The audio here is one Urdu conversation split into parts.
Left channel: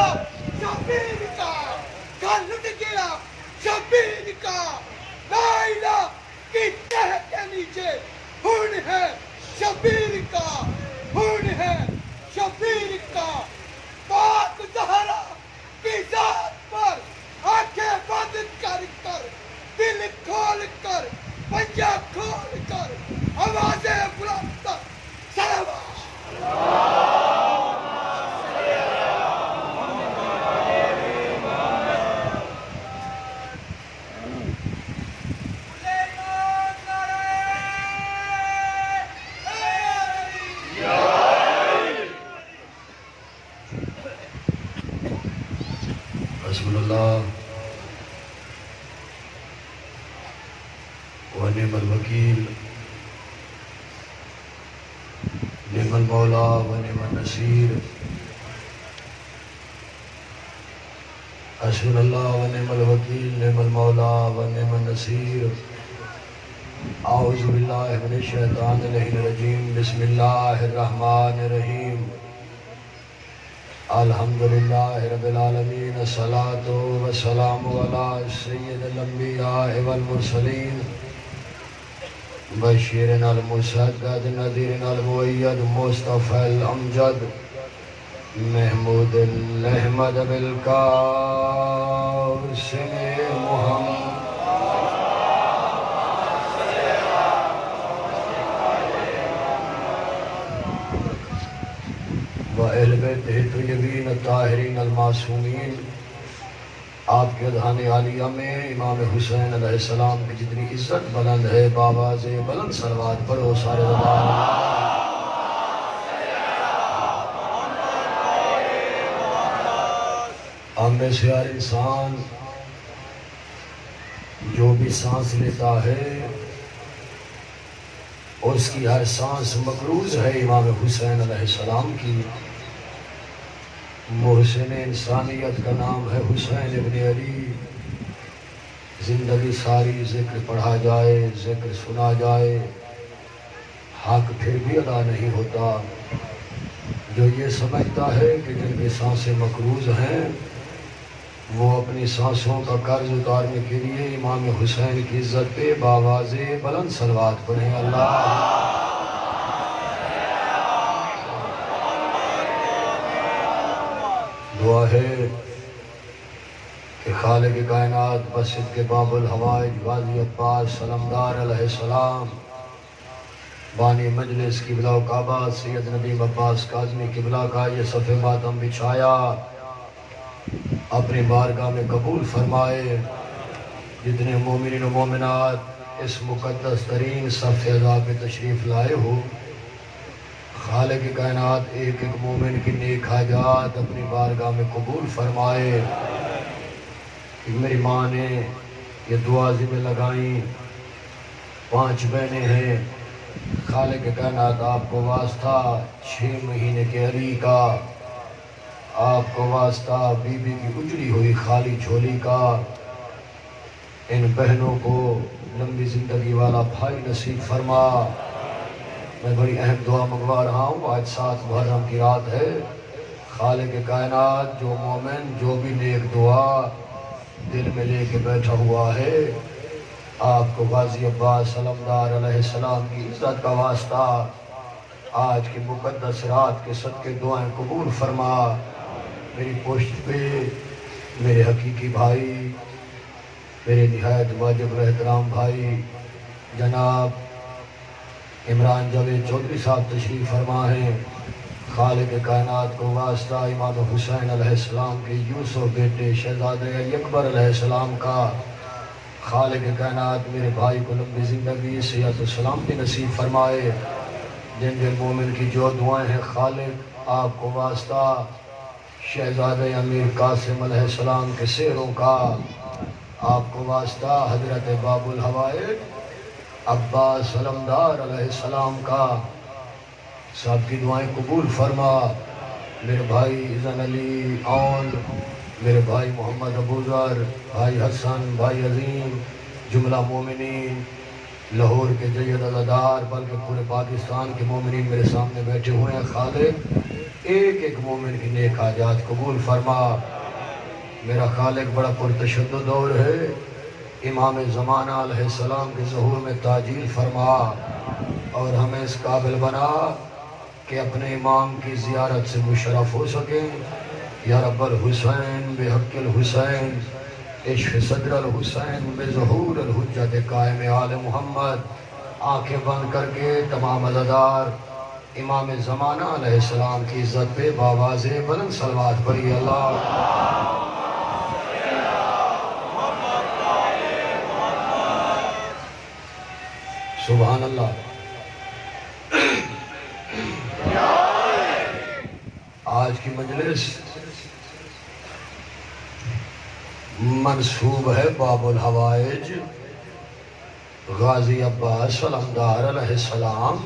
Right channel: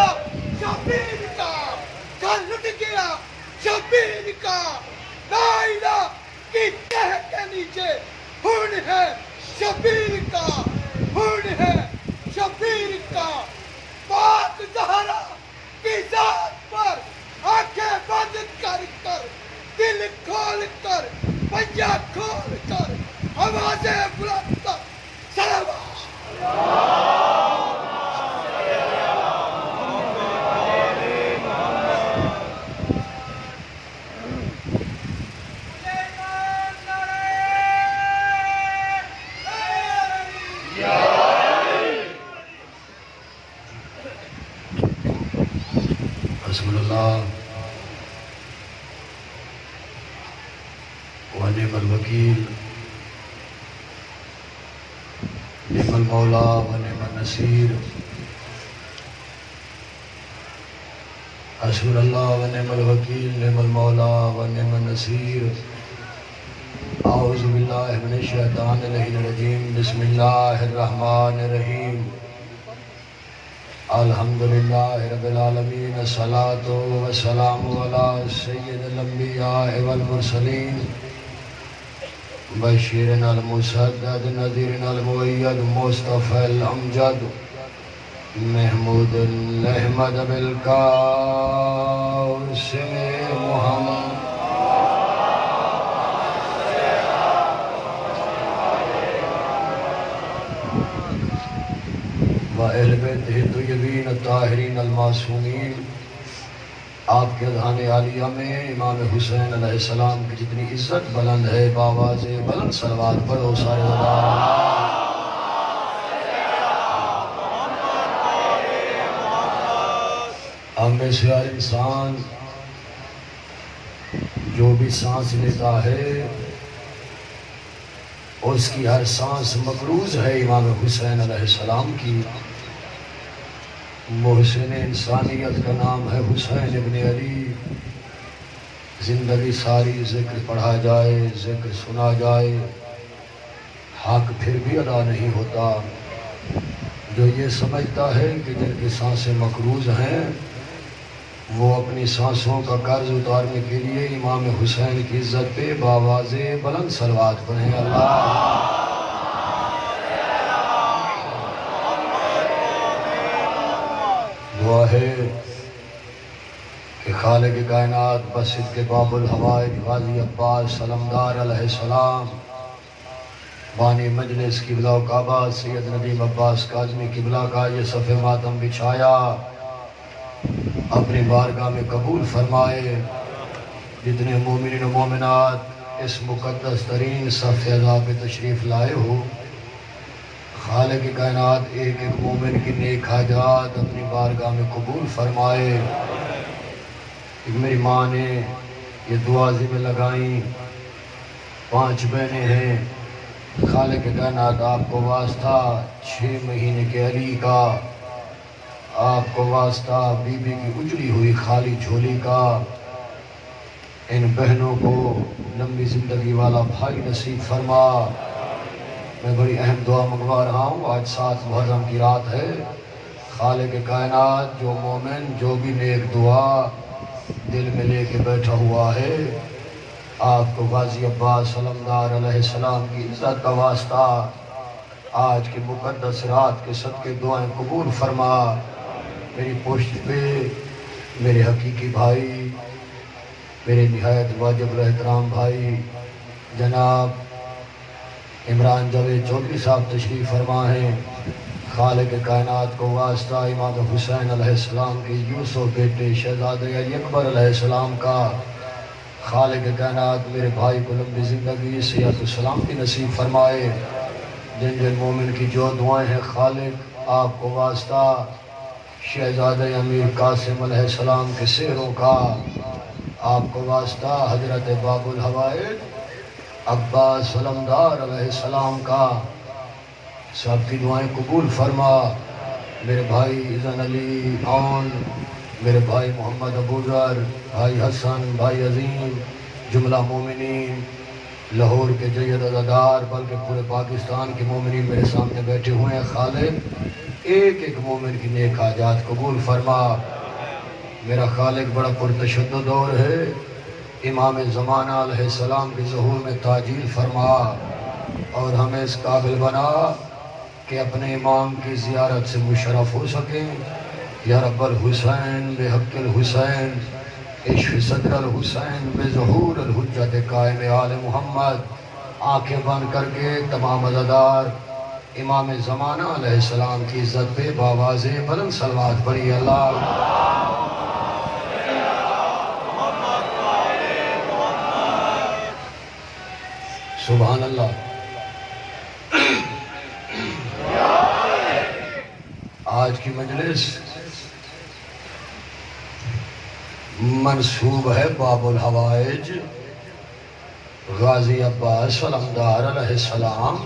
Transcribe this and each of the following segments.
گیا شبیر کا، گھر لٹ گیا شبیر کا، لا الہ کی تہ کے نیچے خون ہے شبیر کا، خون ہے شبیر کا، پاک زہرا کی ذات پر آنکھیں بند کر کر، دل کھول کر، پنجہ کھول کر، آوازیں بلند کر، صلوات۔ حسبنا اللہ ونعم الوکیل، نعم المولا ونعم النصیر، حسبنا اللہ ونعم الوکیل، نعم المولا ونعم النصیر۔ اعوذ باللہ من الشیطان الرجیم، بسم اللہ الرحمن الرحیم۔ الحمدللہ رب العالمین، الصلاة والسلام علی سید الانبیاء والمرسلین، بشیرنا المسدد، نذیرنا المؤید، مصطفی الامجد، محمود الاحمد بالقاسم محمد، وَأَهْلِ بَيْتِهِ الطَّيِّبِينَ الطَّاهِرِينَ الْمَعْصُومِينَ۔ آپ کے اذہان عالیہ میں امام حسین علیہ السلام کی جتنی عزت بلند ہے، بآواز بلند صلوات پڑھو سارے زبان۔ ہم میں سے ہر انسان جو بھی سانس لیتا ہے، اس کی ہر سانس مقروض ہے امام حسین علیہ السلام کی۔ محسن انسانیت کا نام ہے حسین ابن علی۔ زندگی ساری ذکر پڑھا جائے، ذکر سنا جائے، حق پھر بھی ادا نہیں ہوتا۔ جو یہ سمجھتا ہے کہ جن کی سانسیں مقروض ہیں، وہ اپنی سانسوں کا قرض اتارنے کے لیے امام حسین کی عزت پہ بآواز بلند صلوات پڑھیں۔ اللہ دعا ہے کہ خالق کائنات بصدق باب الحوائج غازی عباس سلمدار علیہ السلام، بانی مجلس قبلہ و کعبہ سید ندیم عباس کاظمی قبلہ کا یہ صف ماتم بچھایا، اپنی بارگاہ میں قبول فرمائے۔ جتنے مومنین و مومنات اس مقدس ترین صف اعلیٰ پہ تشریف لائے ہو، خالق کائنات ایک ایک مومن کی نیک حاجات اپنی بارگاہ میں قبول فرمائے۔ میری ماں نے یہ دعا ذمہ لگائیں، 5 بہنیں ہیں، خالق کائنات آپ کو واسطہ 6 مہینے کے علی کا، آپ کو واسطہ بی بی کی اجڑی ہوئی خالی جھولی کا۔ ان بہنوں کو لمبی زندگی والا بھائی نصیب فرما۔ میں بڑی اہم دعا منگوا رہا ہوں، آج 7 محرم کی رات ہے۔ خالق کائنات جو مومن جو بھی نیک دعا دل میں لے کے بیٹھا ہوا ہے، آپ کو غازی عباس سلمدار علیہ السلام کی عزت کا واسطہ آج کی مقدس رات کے صدقے دعائیں قبول فرما۔ میری پشت پہ میرے حقیقی بھائی، میرے نہایت واجب الاحترام بھائی جناب عمران جاوید چودھری صاحب تشریف فرما ہیں۔ خالق کائنات کو واسطہ امام حسین علیہ السلام کے یوسف بیٹے شہزادے علی اکبر علیہ السلام کا، خالق کائنات میرے بھائی کو لمبی زندگی صحت و سلامتی نصیب فرمائے۔ جن جن مومن کی جو دعائیں ہیں، خالق آپ کو واسطہ شہزادے امیر قاسم علیہ السلام کے سہروں کا، آپ کو واسطہ حضرت باب الحوائج عباس سلمدار علیہ السلام کا، سب کی دعائیں قبول فرما۔ میرے بھائی اذن علی اون، میرے بھائی محمد ابوذر، بھائی حسن، بھائی عظیم، جملہ مومنین لاہور کے جید عزادار بلکہ پورے پاکستان کے مومنین میرے سامنے بیٹھے ہوئے ہیں۔ خالق ایک ایک مومن کی نیک حاجات قبول فرما۔ میرا خالق بڑا پرتشدد دور ہے، امام زمانہ علیہ السلام کے ظہور میں تاجیل فرما اور ہمیں اس قابل بنا کہ اپنے امام کی زیارت سے مشرف ہو سکیں۔ یا رب الحسین بحق الحسین عشق صدر الحسین بظہور الحجت قائم آل محمد۔ آنکھیں بند کر کے تمام عزادار امام زمانہ علیہ السلام کی عزت پہ باواز بلند صلوات پڑھی۔ اللہ سبحان اللہ۔ آج کی مجلس منسوب ہے باب الحوائج غازی عباس علمدار علیہ السلام۔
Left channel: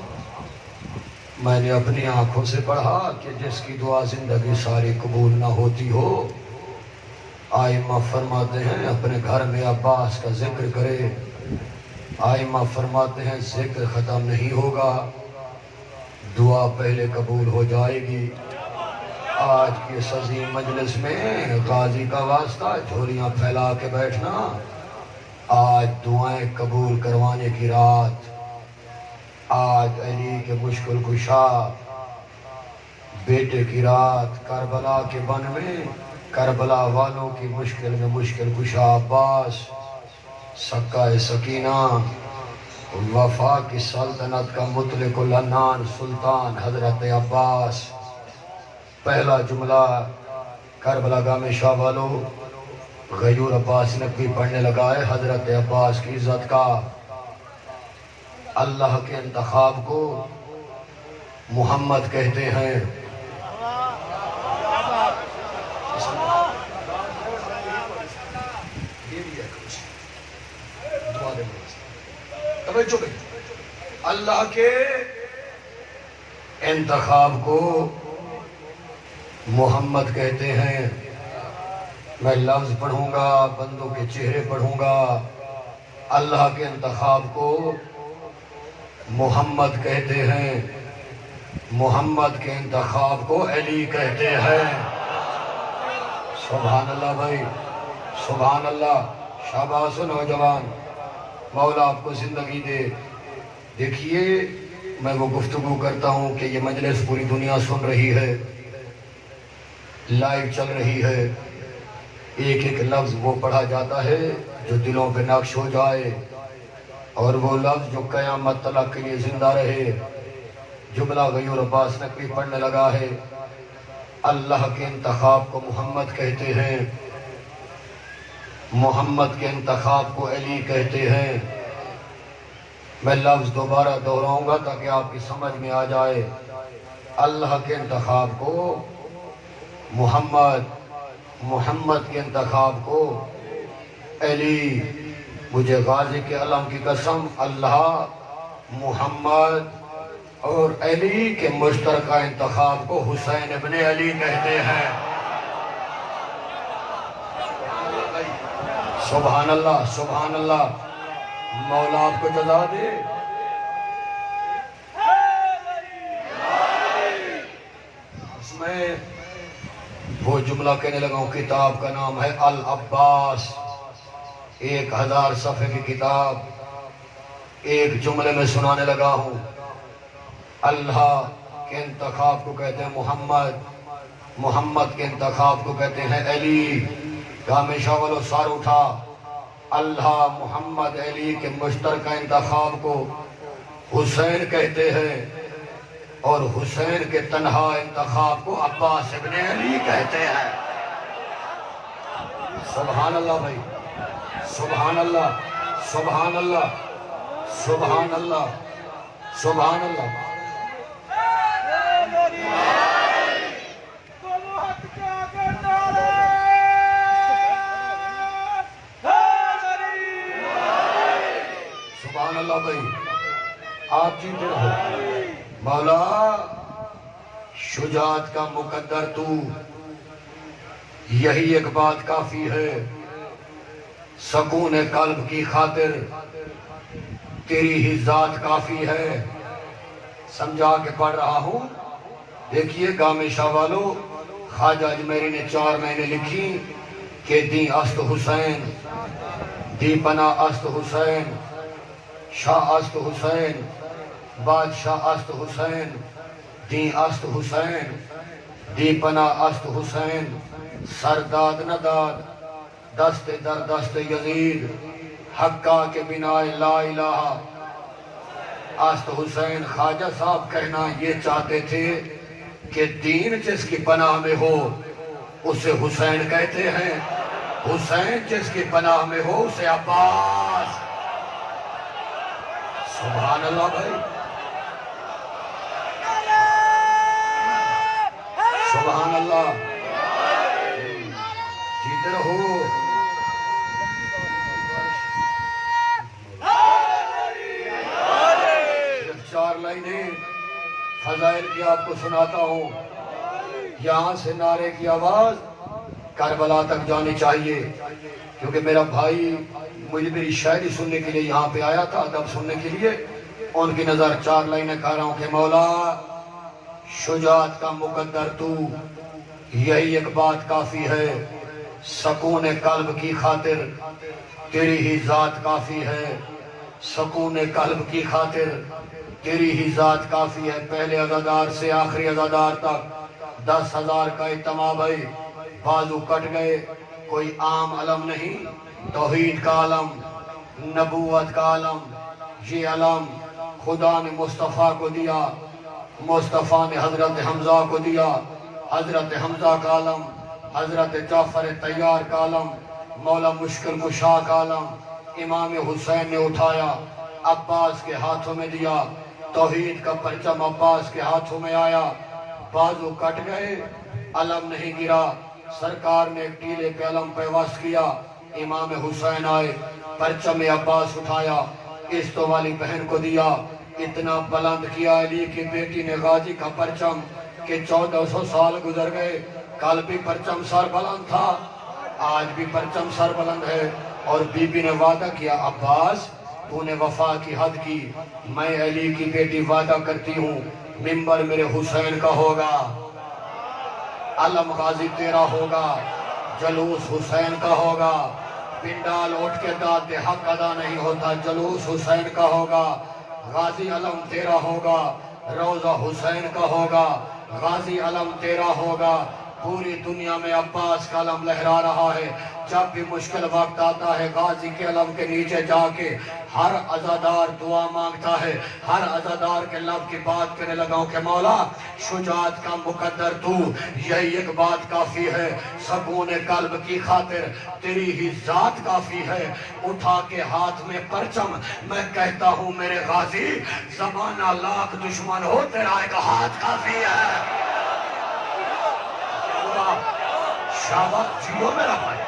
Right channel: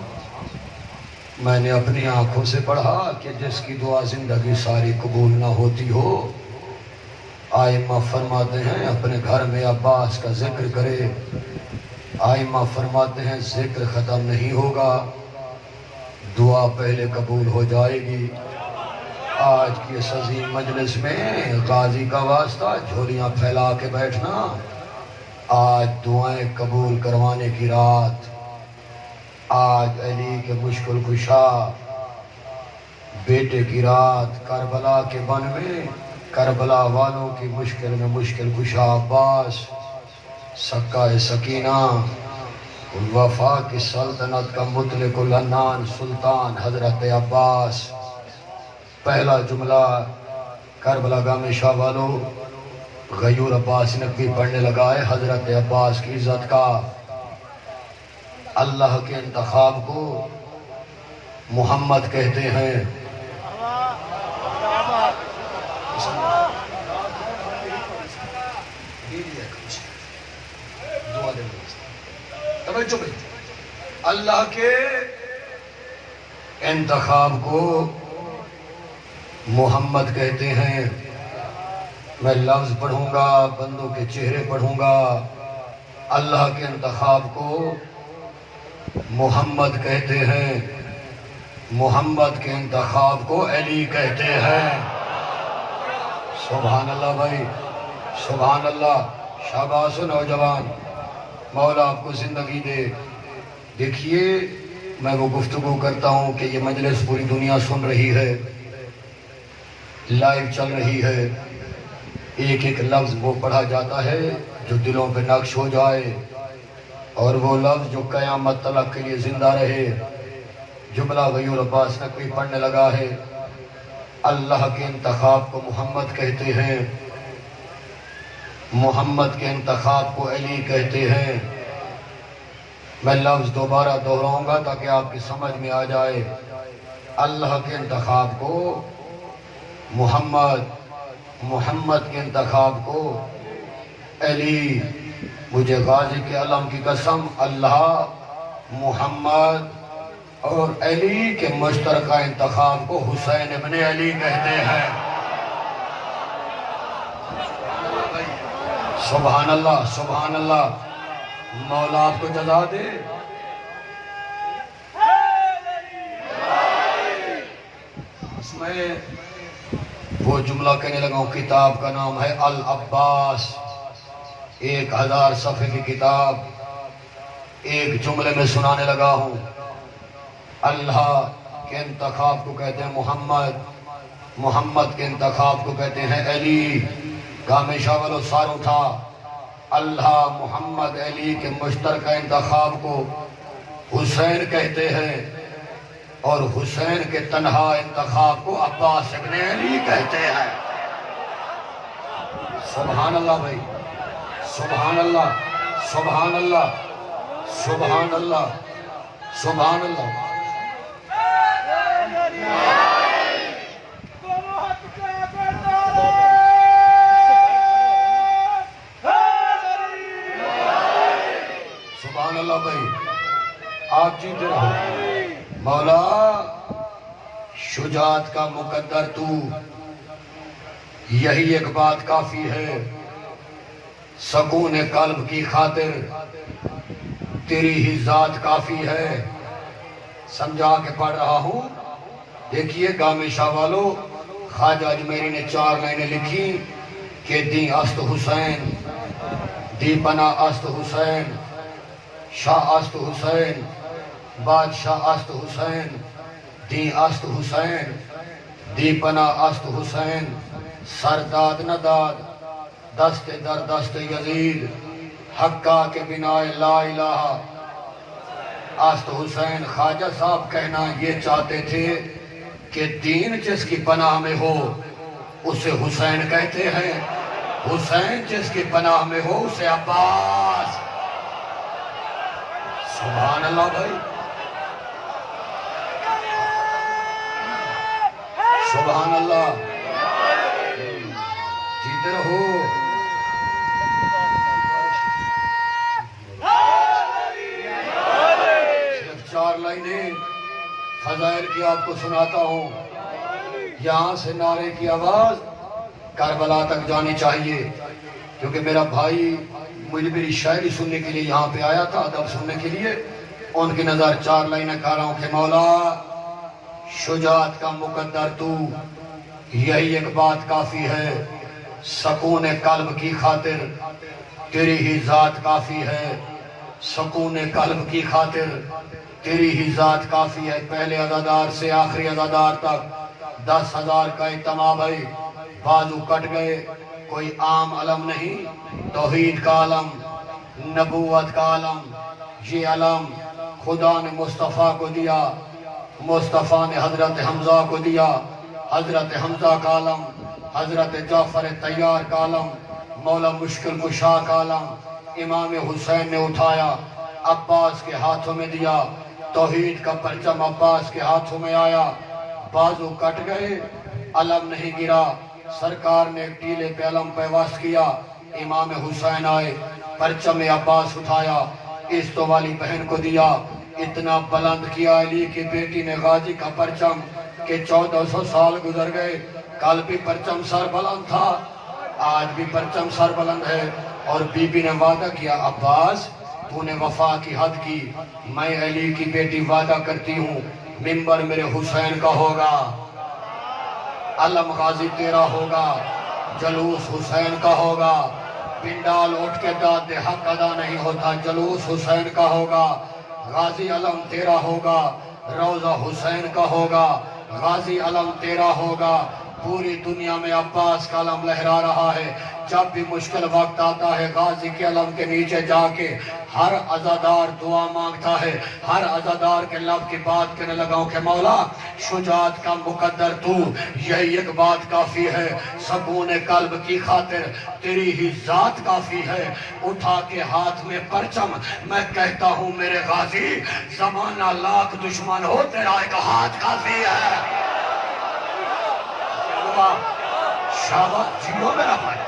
میں نے اپنی آنکھوں سے پڑھا کہ جس کی دعا زندگی ساری قبول نہ ہوتی ہو، آئمہ فرماتے ہیں اپنے گھر میں عباس کا ذکر کرے۔ آئمہ فرماتے ہیں ذکر ختم نہیں ہوگا، دعا پہلے قبول ہو جائے گی۔ آج کی اس عظیم مجلس میں غازی کا واسطہ جھولیاں پھیلا کے بیٹھنا، آج دعائیں قبول کروانے کی رات، آج علی کے مشکل کشا بیٹے کی رات، کربلا کے بن میں کربلا والوں کی مشکل میں مشکل کشا عباس، سکہ سکینہ، وفا کی سلطنت کا مطلق العنان سلطان حضرت عباس۔ پہلا جملہ کربلا گام شاہ والوں غیور عباس نقوی پڑھنے لگا ہے حضرت عباس کی عزت کا۔ اللہ کے انتخاب کو محمد کہتے ہیں۔ اللہ کے انتخاب کو محمد کہتے ہیں۔ میں لفظ پڑھوں گا، بندوں کے چہرے پڑھوں گا۔ اللہ کے انتخاب کو محمد کہتے ہیں، محمد کے انتخاب کو علی کہتے ہیں۔ سبحان اللہ بھائی، سبحان اللہ۔ شاباش نوجوان، مولا آپ کو زندگی دے۔ دیکھیے میں وہ گفتگو کرتا ہوں کہ یہ مجلس پوری دنیا سن رہی ہے، لائیو چل رہی ہے۔ ایک ایک لفظ وہ پڑھا جاتا ہے جو دلوں پہ نقش ہو جائے، اور وہ لفظ جو قیامت تلک کے لیے زندہ رہے۔ جملہ غیور عباس نقوی پڑھنے لگا ہے۔ اللہ کے انتخاب کو محمد کہتے ہیں، محمد کے انتخاب کو علی کہتے ہیں۔ میں لفظ دوبارہ دہراؤں گا تاکہ آپ کی سمجھ میں آ جائے۔ اللہ کے انتخاب کو محمد، محمد کے انتخاب کو علی۔ مجھے غازی کے علم کی قسم، اللہ، محمد اور علی کے مشترکہ انتخاب کو حسین ابن علی کہتے ہیں۔ سبحان اللہ، سبحان اللہ۔ مولا آپ کو جزا دے۔ اس میں وہ جملہ کہنے لگا ہوں، کتاب کا نام ہے العباس، 1000 صفحے کی کتاب۔ ایک جملے میں سنانے لگا ہوں۔ اللہ کے انتخاب کو کہتے ہیں محمد، محمد کے انتخاب کو کہتے ہیں علی۔ گام شاہ والو سار اٹھا۔ اللہ، محمد، علی کے مشترکہ انتخاب کو حسین کہتے ہیں، اور حسین کے تنہا انتخاب کو عباس ابن علی کہتے ہیں۔ سبحان اللہ بھائی، سبحان اللہ، سبحان اللہ، سبحان اللہ، سبحان اللہ۔ سبحان اللہ بھائی، آپ جیتے رہو۔ مولا شجاعت کا مقدر تو، یہی ایک بات کافی ہے۔ سکون قلب کی خاطر تیری ہی ذات کافی ہے۔ سمجھا کے پڑھ رہا ہوں، دیکھیے گام شاہ والو، خواجہ اجمیری نے 4 لائنیں لکھی کہ دی است حسین، دی پناہ است حسین، شاہ است حسین، بادشاہ است حسین، دی است حسین، دی پناہ است حسین، سرداد نہ داد دست در دست یزید، حقا کے بنا لا الہ است حسین۔ خواجہ صاحب کہنا یہ چاہتے تھے کہ دین جس کی پناہ میں ہو اسے حسین کہتے ہیں، حسین جس کی پناہ میں ہو اسے عباس۔ سبحان اللہ بھائی، سبحان اللہ، جیتے رہو۔ صرف 4 لائنیں فضائل کی آپ کو سناتا ہوں، یہاں سے نعرے کی آواز کربلا تک جانی چاہیے، کیونکہ میرا بھائی مجھے میری شاعری سننے کے لیے یہاں پہ آیا تھا، ادب سننے کے لیے۔ ان کی نظر 4 لائنیں کہہ رہا ہوں کہ مولا شجاعت کا مقدر تو، یہی ایک بات کافی ہے، سکون قلب کی خاطر تیری ہی ذات کافی ہے، سکون قلب کی خاطر تیری ہی ذات کافی ہے۔ پہلے عزادار سے آخری عزادار تک 10,000 کا اجتماع بھائی، بازو کٹ گئے، کوئی عام علم نہیں، توحید کا علم، نبوت کا علم، یہ علم خدا نے مصطفیٰ کو دیا، مصطفیٰ نے حضرت حمزہ کو دیا، حضرت حمزہ کا علم، حضرت جعفر طیار کا علم، مولا مشکل کشا کا علم امام حسین نے اٹھایا، عباس کے ہاتھوں میں دیا، توحید کا پرچم عباس کے ہاتھوں میں آیا، بازو کٹ گئے، علم نہیں گرا، سرکار نے ایک ٹیلے پہ علم پیوست کیا، امام حسین آئے، پرچم عباس اٹھایا، عیسو والی بہن کو دیا، اتنا بلند کیا علی کی بیٹی نے غازی کا پرچم کہ 1400 سال گزر گئے، کل بھی پرچم سر بلند تھا، آج بھی پرچم سر بلند ہے۔ اور بی بی نے وعدہ کیا، عباس تو نے وفا کی حد کی، میں علی کی بیٹی وعدہ کرتی ہوں منبر میرے حسین کا ہوگا، علم غازی تیرا ہوگا، جلوس حسین کا ہوگا، پنڈال اٹھ کے داد حق ادا نہیں ہوتا، جلوس حسین کا ہوگا، غازی علم تیرا ہوگا، روضہ حسین کا ہوگا، غازی علم تیرا ہوگا۔ پوری دنیا میں عباس کا علم لہرا رہا ہے، جب بھی مشکل وقت آتا ہے غازی کے علم کے نیچے جا کے ہر عزادار دعا مانگتا ہے، ہر عزادار کے لب کی بات کرنے لگا ہوں کہ مولا شجاعت کا مقدر تو، یہی ایک بات کافی ہے، سکون قلب کی خاطر تیری ہی ذات کافی ہے۔ اٹھا کے ہاتھ میں پرچم میں کہتا ہوں میرے غازی، زمانہ لاکھ دشمن ہو تیرا ایک ہاتھ کافی ہے۔ شاباش جیو میرا بھائی۔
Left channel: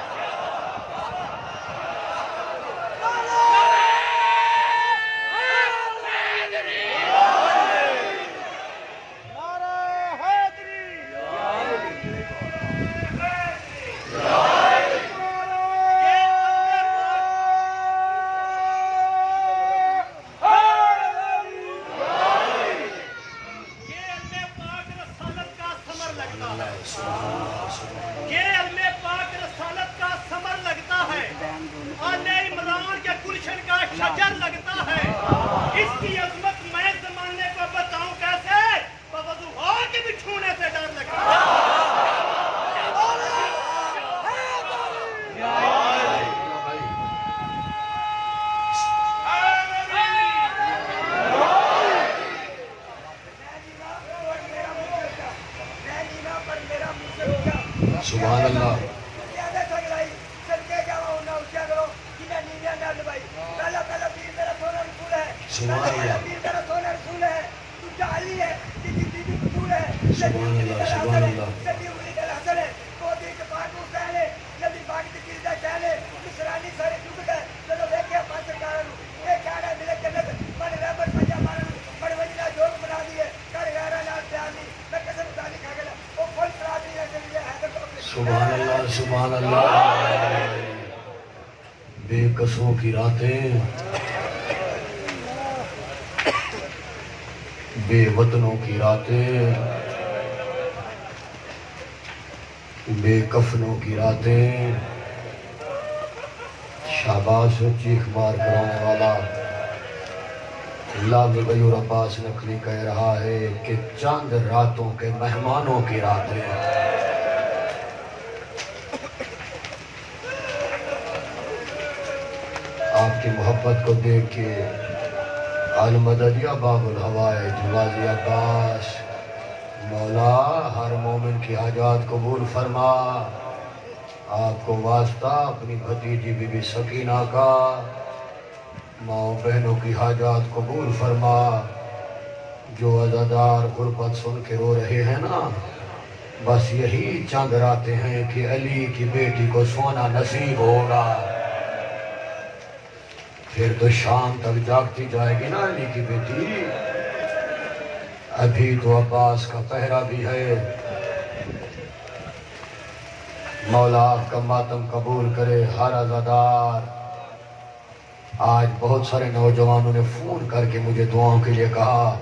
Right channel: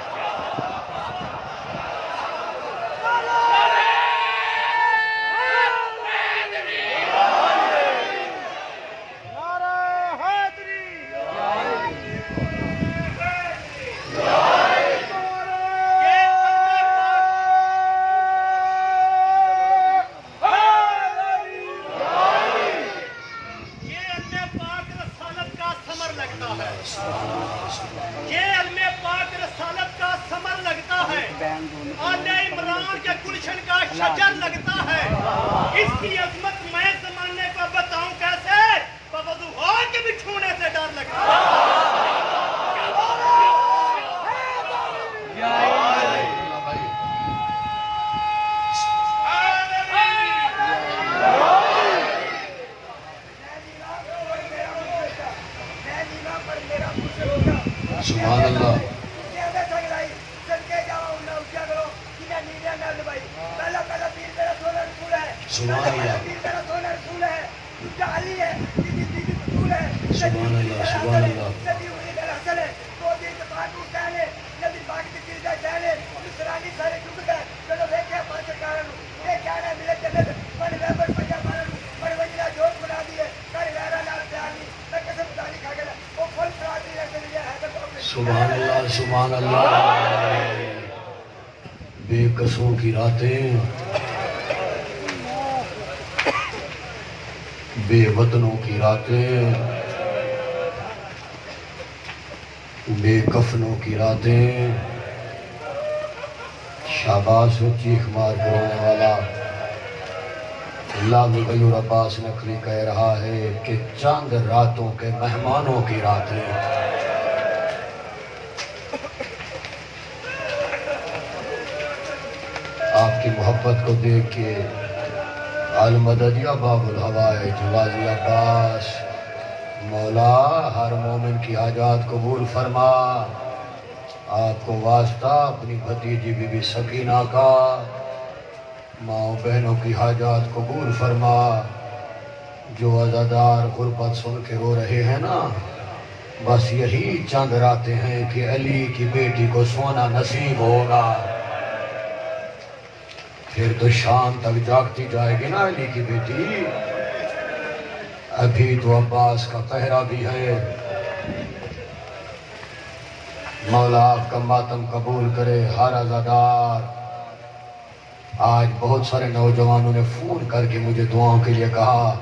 شجر لگتا ہے، اس کی عظمت میں زمانے کو بتاؤں کیسے، بوضوح کے بھی چھونے سے ڈر لگتا ہے۔ سبحان اللہ، سبحان اللہ، سبحان اللہ، سبحان اللہ۔ سبحان اللہ، سبحان اللہ۔ بے قصوں کی راتیں، بے وطنوں کی راتیں، بے کفنوں کی راتیں، شہباز و چیخ مار کر رونے والا اللہ غیور عباس نقوی کہہ رہا ہے کہ چند راتوں کے مہمانوں کی راتیں، آپ کی محبت کو دیکھ کے المدد یا باب الحوائج غازی عباس، مولا ہر مومن کی حاجات قبول فرما، آپ کو واسطہ اپنی بھتیجی بی بی سکینہ کا، ماں بہنوں کی حاجات قبول فرما، جو عزادار غربت سن کے رو رہے ہیں نا، بس یہی چند راتیں ہیں کہ علی کی بیٹی کو سونا نصیب ہوگا، پھر تو شام تک جاگتی جائے گی نا علی کی بیٹی، ابھی تو عباس کا پہرا بھی ہے، مولا آپ کا ماتم قبول کرے ہر عزادار۔ آج بہت سارے نوجوانوں نے فون کر کے مجھے دعاؤں کے لیے کہا،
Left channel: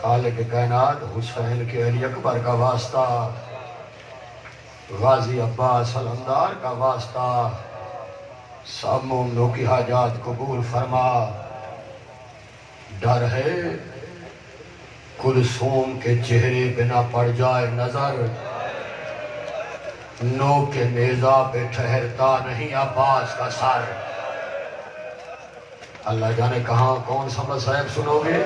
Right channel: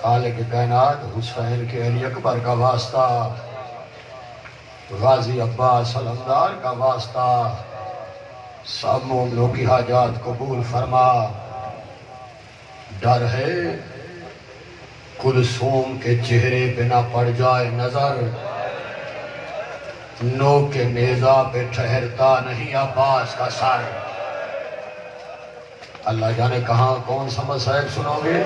خالق کائنات حسین کے علی اکبر کا واسطہ، غازی عباس علمدار کا واسطہ، سب مومنوں کی حاجات قبول فرما۔ ڈر ہے کلثوم کے چہرے پہ نہ پڑ جائے نظر، نو کے نیزہ پہ ٹھہرتا نہیں عباس کا سر۔ اللہ جانے کہاں کون سا مصائب سنو گے،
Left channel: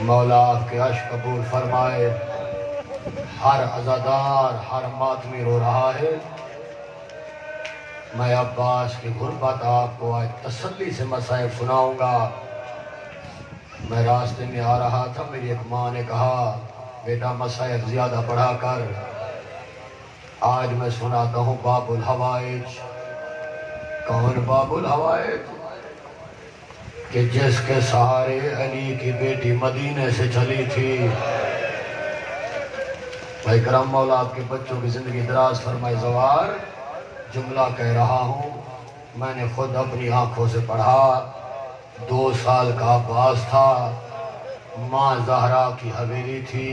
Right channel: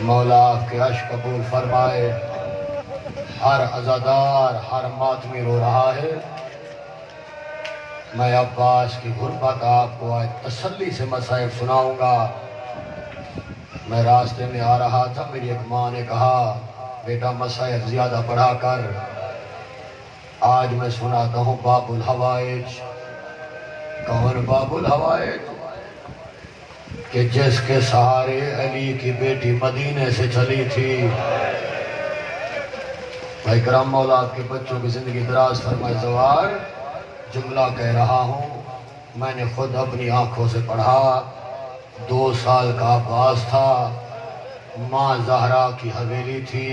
مولا آپ کے عشق قبول فرمائے۔ ہر عزادار ہر ماتمی رو رہا ہے، میں عباس کی غربت آپ کو آج تسلی سے مصائب سناؤں گا۔ میں راستے میں آ رہا تھا، میری ایک ماں نے کہا بیٹا مصائب زیادہ پڑھا کر، آج میں سناتا ہوں باب الحوائج۔ کون باب الحوائج؟ کہ جس کے سہارے علی کی بیٹی مدینے سے چلی تھی۔ بھائی کرم مولا آپ کے بچوں کی زندگی دراز فرمائے۔ زوار جملہ کہہ رہا ہوں، میں نے خود اپنی آنکھوں سے پڑھا۔ 2 سال کا عباس تھا، ماں زہرا کی حویلی تھی،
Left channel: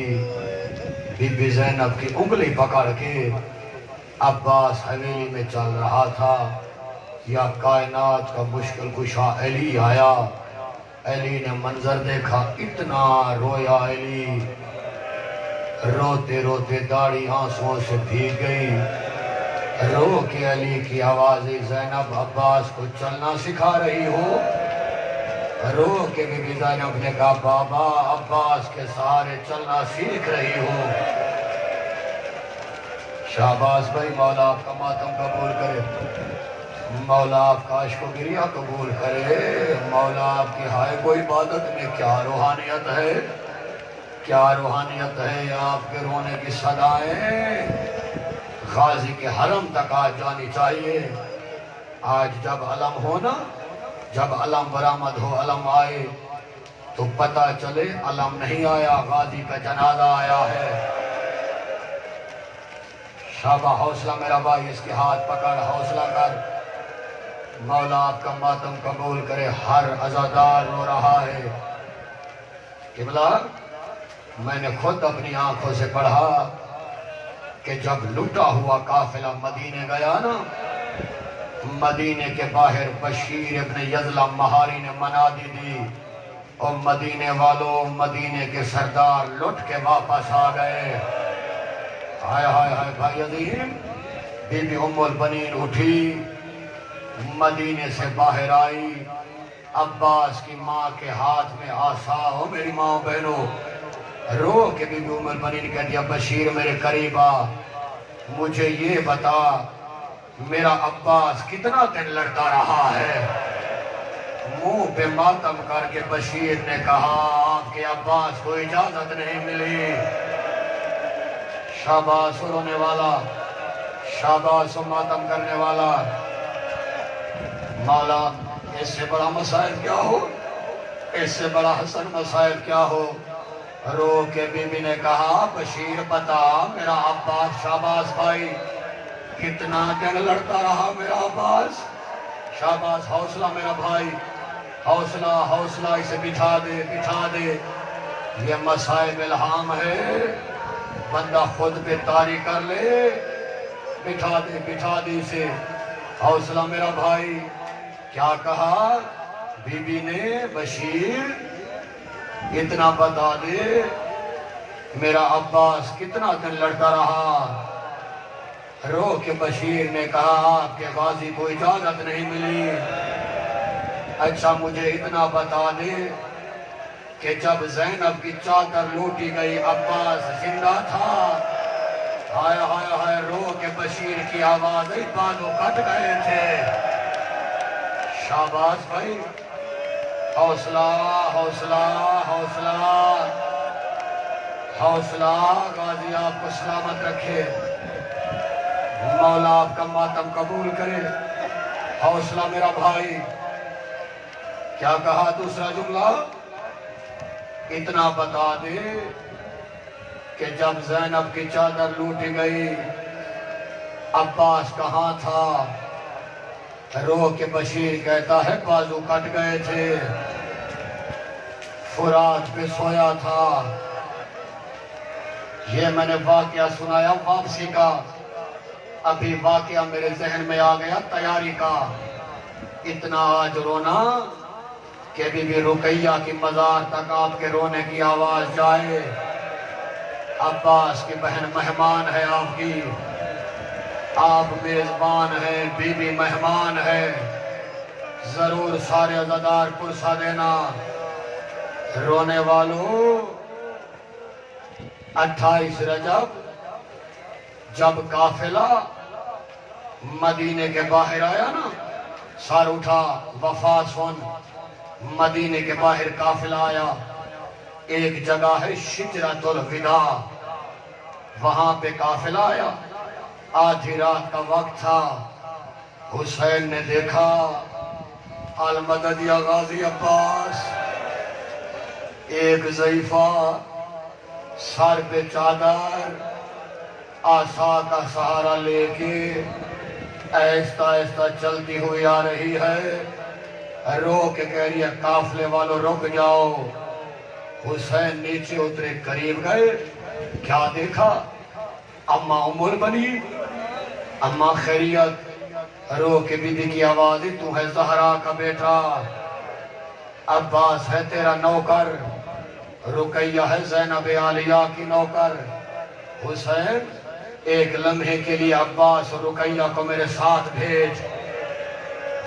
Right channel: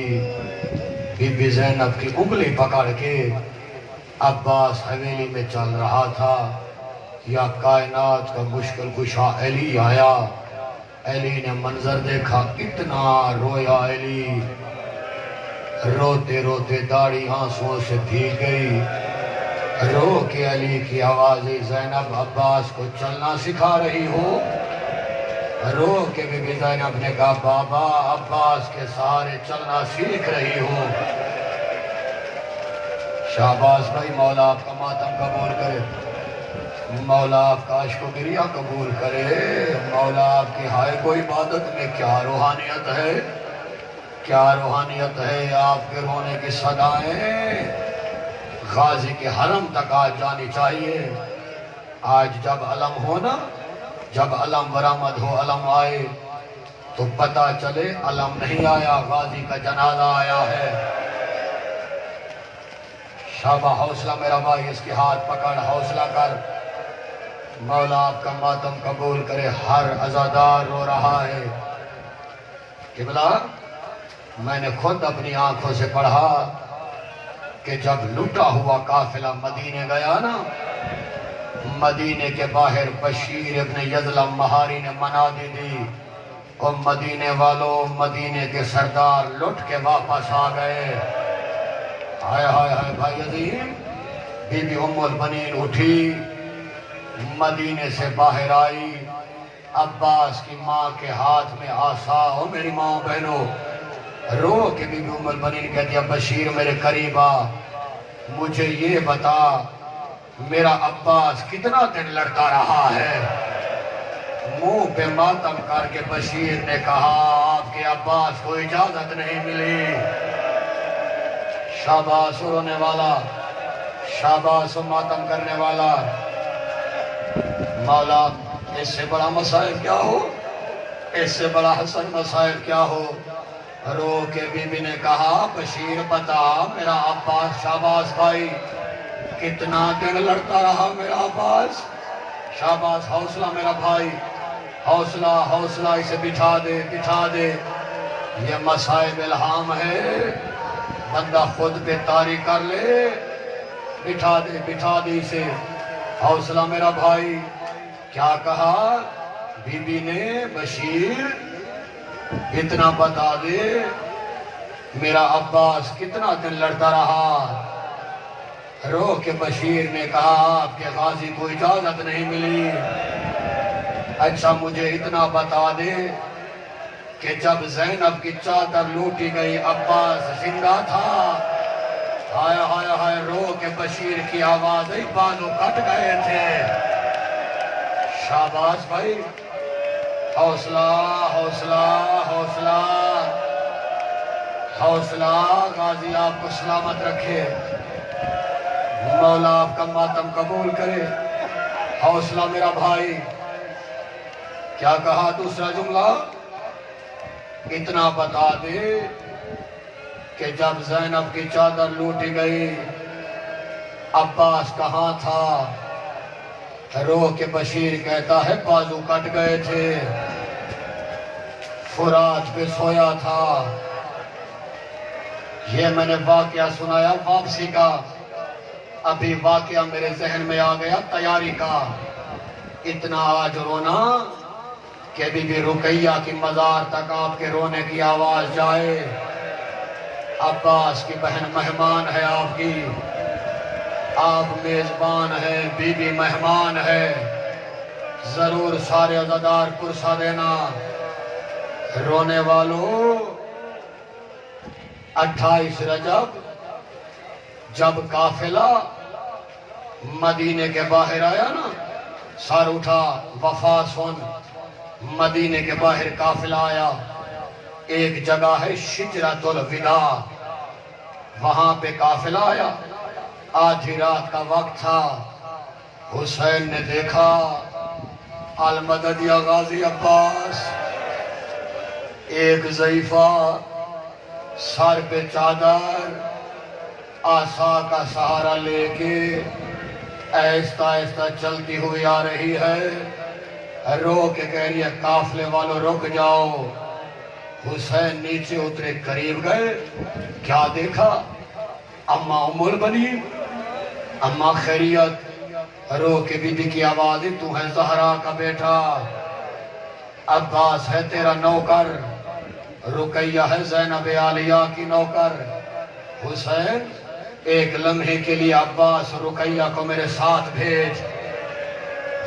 بی بی زینب کی انگلی پکڑ کے عباس حویلی میں چل رہا تھا، یا کائنات کا مشکل کشا علی آیا۔ علی نے منظر دیکھا، اتنا رویا علی، روتے روتے داڑھی آنسوؤں سے بھیگ گئی۔ رو کے علی کی آواز، زینب عباس کو چلنا سکھا رہی ہو؟ رو کے بی بی زینب نے کہا بابا عباس کے سہارے چلنا سیکھ رہی ہو۔ شہباز بھائی مولا آپ کا ماتم قبول کرے، مولا آپ کا عشق و گریہ قبول کرے۔ مولا آپ کے ہائے کو عبادت میں کیا روحانیت ہے، کیا روحانیت ہے۔ آپ کے رونے کی صدائیں غازی کے حرم تک آج جانی چاہیے۔ آج جب علم ہو نا، جب علم برآمد ہو، علم آئے تو پتہ چلے علم نہیں آیا، غازی کا جنازہ آیا ہے۔ شابہ حوصلہ میرا بھائی، اس کے ہاتھ پکڑ، حوصلہ کر، مولا آپ کا ماتم قبول کرے۔ ہر عزادار رو رہا ہے۔ قبلہ میں نے خود اپنی آنکھوں سے پڑھا کہ جب لٹا ہوا قافلہ مدینے گیا نا، مدینے کے باہر بشیر ابن یظلم مہاری نے منادی دی، اور مدینے والوں، مدینے کے سردار لٹ کے واپس آ گئے۔ ہائے ہائے ہائے بھائی عظیم، بی بی ام البنین اٹھی، مدینے سے باہر آئی، عباس کی ماں کے ہاتھ میں عصا ہو۔ میری ماں بہنوں، رو کے بی بی ام البنین کہہ دیا بشیر میرے قریب آ، مجھے یہ بتا میرا عباس کتنا دن لڑتا رہا ہے۔ منہ پہ ماتم کر کے بشیر نے کہا آپ کے عباس کو اجازت نہیں ملی۔ شاباش رونے والا، شاباش ماتم کرنے والا۔ مولا اس سے بڑا مسائل کیا ہو، اس سے بڑا حسن مسائل کیا ہو۔ رو کے بی بی نے کہا بشیر بتا میرا عباس، شاباش بھائی کتنا دن لڑتا رہا میرا عباس۔ شاباش، حوصلہ میرا بھائی، حوصلہ حوصلہ، اسے بٹھا دے بٹھا دے، یہ مسائب الہام ہے۔ بندہ خود پہ طاری کر لے، بٹھا دی سے حوصلہ میرا بھائی۔ کیا کہا بی بی نے؟ بشیر اتنا بتا دے میرا عباس کتنا دن لڑتا رہا؟ رو کے بشیر نے کہا آپ کے غازی کو اجازت نہیں ملی۔ اچھا مجھے اتنا بتا دے کہ جب زینب کی چادر لوٹی گئی عباس زندہ تھا؟ ہائے ہائے ہائے، رو کے بشیر کی آواز بازو کٹ گئے تھے۔ شاباش بھائی، حوصلہ حوصلہ حوصلہ حوصلہ، غازی آپ کو سلامت رکھے، مولا آپ کا ماتم قبول کرے۔ حوصلہ میرا بھائی۔ کیا کہا دوسرا جملہ؟ اتنا بتا دے کہ جب زینب کی چادر لوٹی گئی عباس کہاں تھا؟ رو کے بشیر کہتا ہے بازو کٹ گئے تھے، فرات پہ سویا تھا۔ یہ میں نے واقعہ سنایا واپسی کا، ابھی واقعہ میرے ذہن میں آ گیا تیاری کا۔ اتنا آج رونا کہ بی بی رقیہ کی مزار تک آپ کے رونے کی آواز جائے۔ عباس کی بہن مہمان ہے آپ کی، آپ میزبان ہیں، بی بی مہمان ہے، ضرور سارے عزادار پرسہ دینا۔ رونے والوں، 28 رجب جب قافلہ مدینے کے باہر آیا نا، سر اٹھا وفا سن، مدینے کے باہر قافلہ آیا، ایک جگہ ہے شجرۃ الوداع، وہاں پہ قافلہ آیا، آدھی رات کا وقت تھا۔ حسین نے دیکھا المدد یا غازی عباس، ایک ضعیفہ سر پہ چادر، عصا کا سہارا لے کے آہستہ آہستہ چلتی ہوئی آ رہی ہے۔ رو کے کہہ رہی ہے قافلے والوں رک جاؤ۔ حسین نیچے اترے، قریب گئے، کیا دیکھا؟ اماں ام البنی، اماں خیریت؟ رو کے بی بی کی آواز، تو ہے زہرا کا بیٹا، عباس ہے تیرا نوکر، رقیہ ہے زینب عالیہ کی نوکر۔ حسین ایک لمحے کے لیے عباس اور رقیہ کو میرے ساتھ بھیج،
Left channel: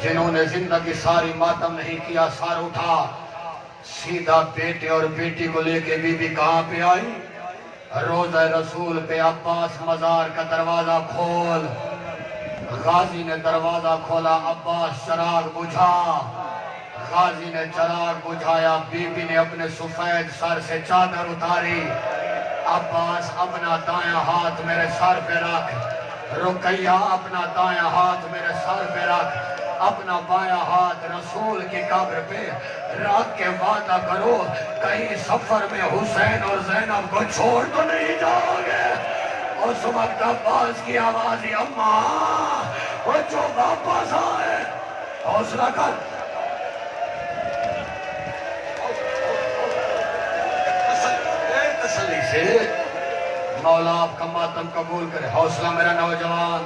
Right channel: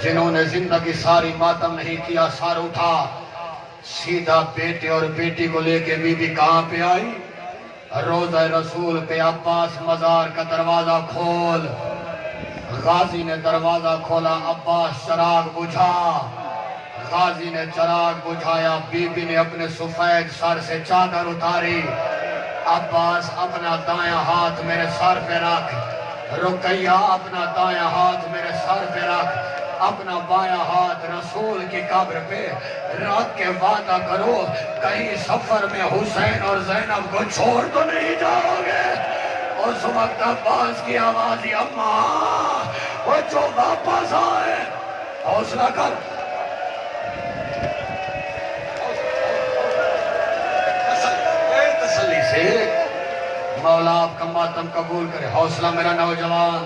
جنہوں نے زندگی ساری ماتم نہیں کیا۔ سر اٹھا، سیدھا بیٹے اور بیٹی کو لے کے بی بی کہاں پہ آئی؟ روضہ رسول پہ۔ عباس مزار کا دروازہ کھول، غازی نے دروازہ کھولا، عباس چراغ بجھا، غازی نے چراغ بجھایا، بی بی نے اپنے سفید سر سے چادر اتاری۔ عباس اپنا دایاں ہاتھ میرے سر پہ رکھ، رقیہ اپنا دایاں ہاتھ میرے سر پہ رکھ، اپنا بایاں ہاتھ رسول کی قبر پہ رکھ کے وعدہ کرو کہیں سفر میں حسین اور زینب کو چھوڑ تو نہیں جاؤ گے۔ اس وقت عباس کی آواز، اماں وہ جو واپس آئے، حوصلہ کر، تسلی سے، مولا آپ کا ماتم قبول کرے۔ حوصلہ میرا نوجوان،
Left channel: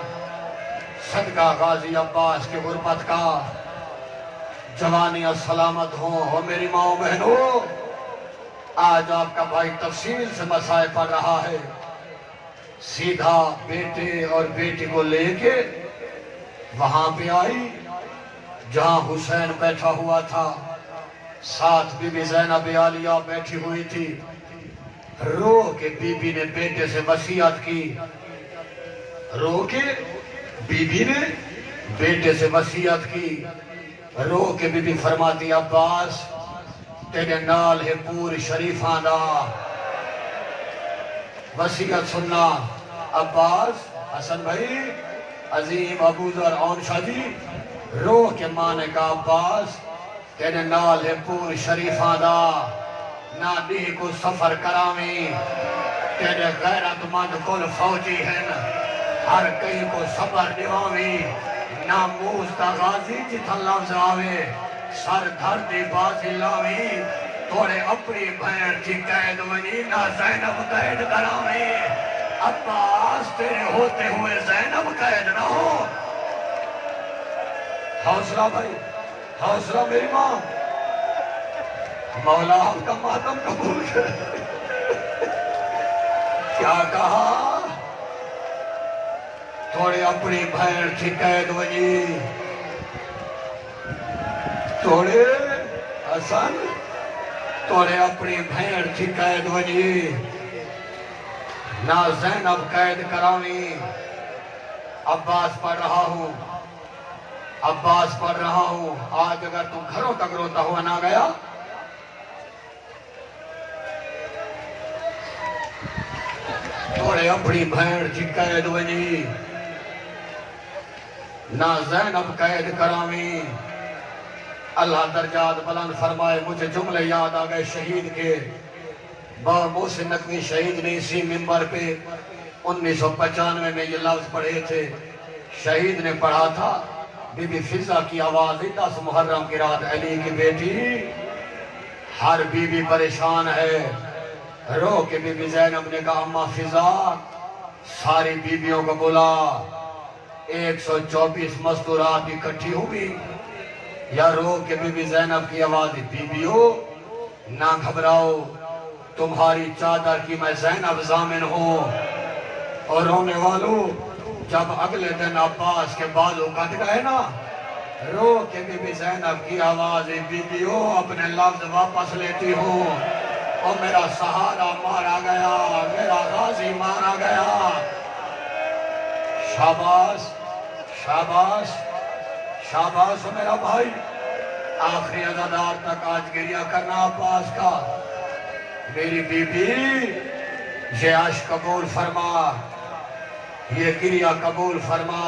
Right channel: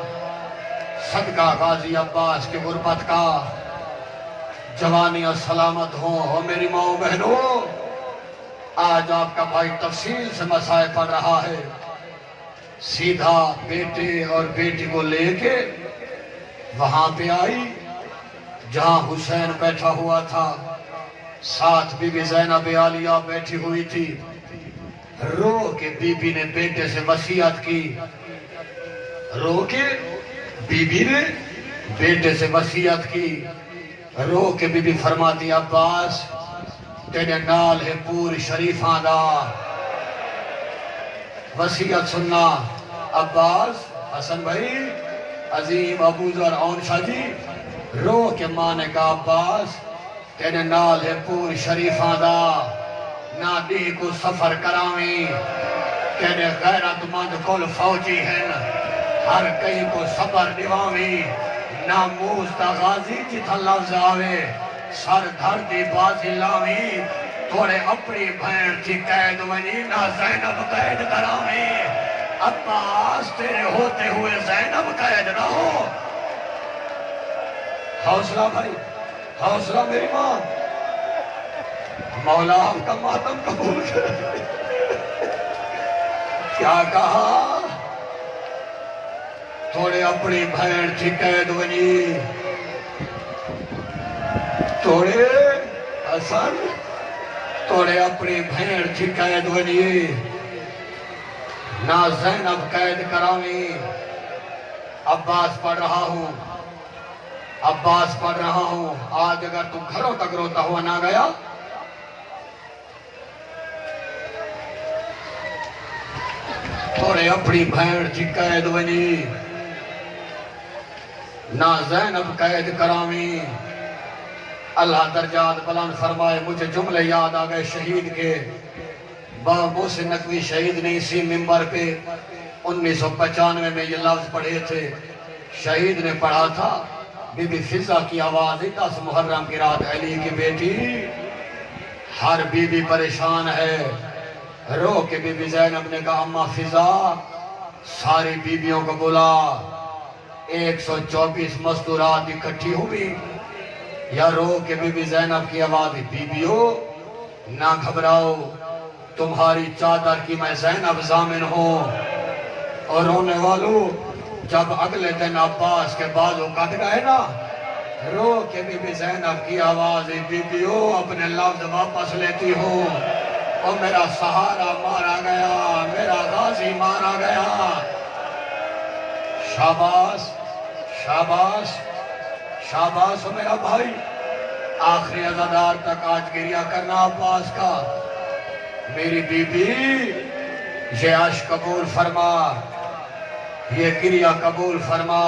صدقہ غازی عباس کی غربت کا، جوانیاں سلامت ہوں میری ماں بہنوں۔ آج آپ کا بھائی تفصیل سے مسائل پڑھ رہا ہے، سیدھا بیٹے اور بیٹی کو لے کے وہاں پہ آئی جہاں حسین بیٹھا ہوا تھا، ساتھ بی بی زینب عالیہ بیٹھی ہوئی تھی۔ رو کے بی بی نے بیٹے سے وصیت کی، رو کے بی بی نے بیٹے سے وصیت کی۔ رو کے بی بی فرماتی، عباس تیرے نال ہے پور شریفاں دا، وصیت سننا۔ عباس، حسن بھائی، عظیم ابو ذر اون شاہ جی، رو کے ماں نے کہا، عباس تیرے نال ہے پور شریفاں دا، نہ دی کو سفر کراویں، تیرے غیرت مند کل فوجی ہیں، ہر کئی کو صبر دیواویں، نہ موز دا غازی جتھا لفظ آوے، سر دھر دی بازی لاویں، توڑے اپنی بھین کی قید ونی نہ زینب قید کراویں عباس تیرے ہوتے ہوئے زینب قید نہ ہو حوصلہ بھائی حوصلہ میری ماں مولا آپ کا ماتم قبول کرے کیا کہا توڑے اپنی بھین کی قید ونی توڑے حسن توڑے اپنی بھین کی قید ونی نہ زینب قید کراویں عباس پڑھ رہا ہوں عباس پڑھ رہا ہوں آج اگر تو گھروں تک روتا ہوا نہ گیا توڑے اپنی بھین کی قید ونی نہ زینب قید کراویں اللہ درجات بلند فرمائے مجھے جملے یاد آ گئے شہید کے بابا محسن نقوی شہید نے اسی منبر پہ 1995 میں یہ لفظ پڑھے تھے شہید نے پڑھا تھا بی بی فضا کی آواز 10 محرم کی رات علی کی بیٹی ہر بی بی پریشان ہے رو کے بی بی زینب نے کہا اماں فضا ساری بیویوں کو بلا 124 مستورات اکٹھی ہوئی یا رو کے بی بی زینب کی آواز بیویوں نہ گھبراؤ تمہاری چادر کی میں زینب ضامن ہوں اور رونے والوں جب اگلے دن عباس کے بازو کٹ گئے نا رو کے بی بی زینب کی آواز بیویوں اپنے لفظ واپس لیتی ہوں اور میرا سہارا مارا گیا میرا غازی مارا گیا شاباش شاباش شاباش میرا بھائی آخری عزادار تک آج گریہ کرنا عباس کا میری بی بی یہ عشق قبول فرما یہ گریہ قبول فرما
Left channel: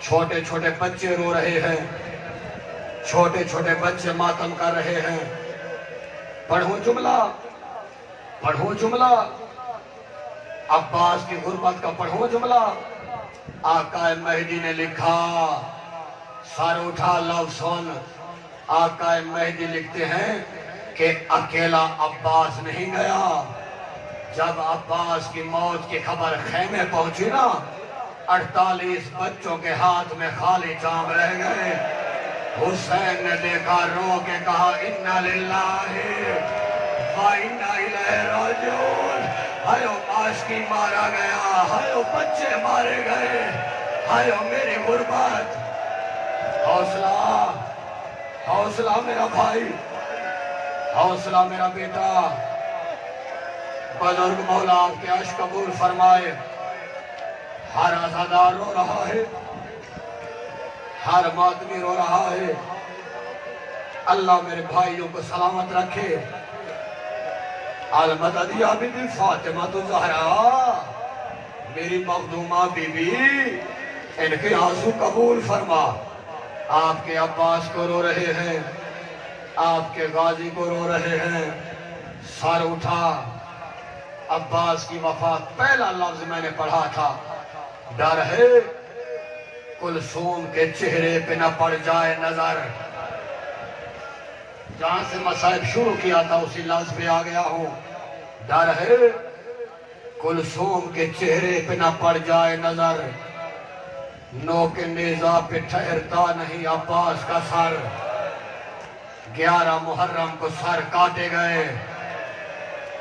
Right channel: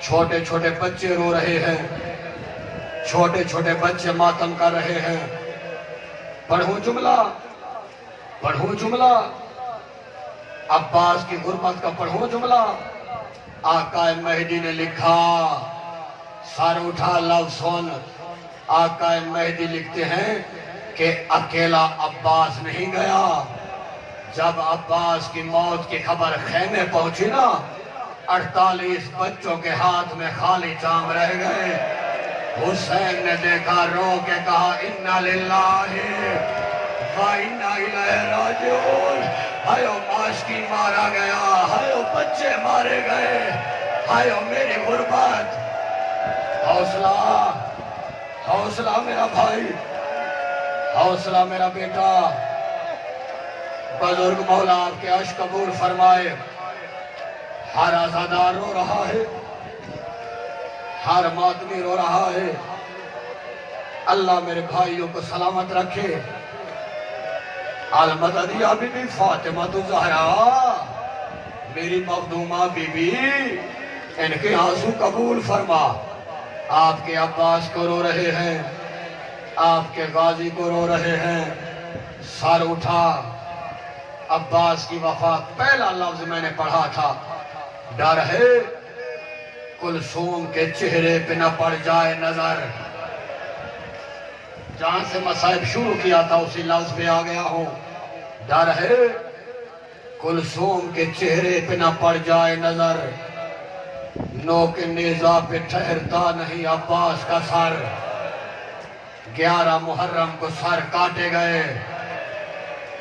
چھوٹے چھوٹے بچے رو رہے ہیں چھوٹے چھوٹے بچے ماتم کر رہے ہیں پڑھوں جملہ عباس کی غربت کا پڑھوں جملہ آقا مہدی نے لکھا سر اٹھا لو سن آقا مہدی لکھتے ہیں کہ اکیلا عباس نہیں گیا جب عباس کی موت کی خبر خیمے پہنچی نا 48 بچوں کے ہاتھ میں خالی جام رہ گئے حسین نے دیکھا رو کے کہا انا للہ و انا الیہ راجعون ہائیو عاشقی مارا گیا ہائیو بچے مارے گئے ہائیو میری غربت حوصلہ حوصلہ میرا بھائی حوصلہ میرا بیٹا بزرگ مولا آپ کے عشق قبول فرمائے ہر عزادار رو رہا ہے ہر ماتمی رو رہا ہے اللہ میرے بھائیوں کو سلامت رکھے المدد یا بی بی فاطمہ الزہرا میری مخدومہ بی بی ان کے آنسو قبول فرما آپ کے عباس کو رو رہے ہیں آپ کے غازی کو رو رہے ہیں سر اٹھا عباس کی وفات پہلا لفظ میں نے پڑھا تھا ڈر ہے کلثوم کے چہرے پہ نہ پڑ جائے نظر جہاں سے مصائب شروع کیا تھا اسی لفظ پہ آ گیا ہوں ڈر ہے کلثوم کے چہرے پہ نہ پڑ جائے نظر نوک نیزہ پہ ٹھہرتا نہیں عباس کا سر 11 محرم کو سر کاٹے گئے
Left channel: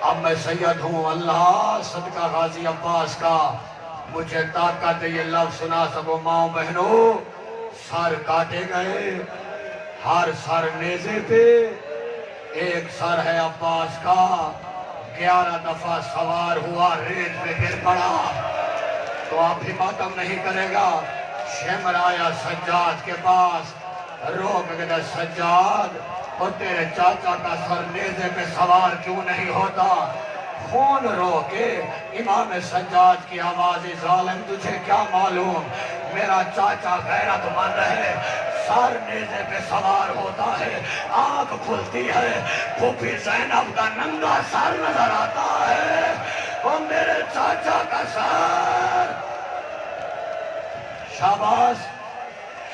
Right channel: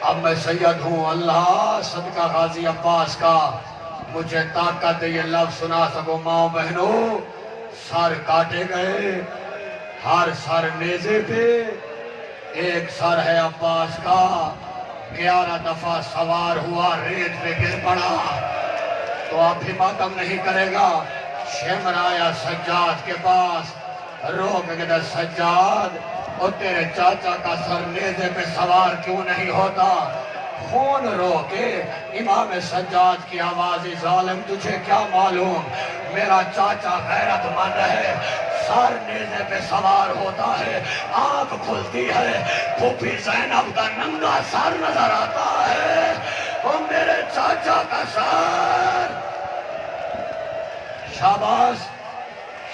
اب میں سید ہوں اللہ صدقہ غازی عباس کا مجھے طاقت یہ لفظ سنا سکو ماں بہنوں سر کاٹے گئے ہر سر نیزے پہ ایک سر ہے عباس کا 11 دفعہ سوار ہوا ریت پہ گر پڑا تو آپ بھی ماتم نہیں کرے گا شمر آیا سجاد کے پاس رو کے سجاد اور تیرے چاچا کا سر نیزے پہ سوار کیوں نہیں ہوتا خون رو کے امام سجاد کی آواز ظالم تجھے کیا معلوم میرا چاچا غیرت مند ہے سر نیزے پہ سوار ہوتا ہے آنکھ کھلتی ہے پھوپھی زینب کا ننگا سر نظر آتا ہے اور میرے چاچا کا سر شاباش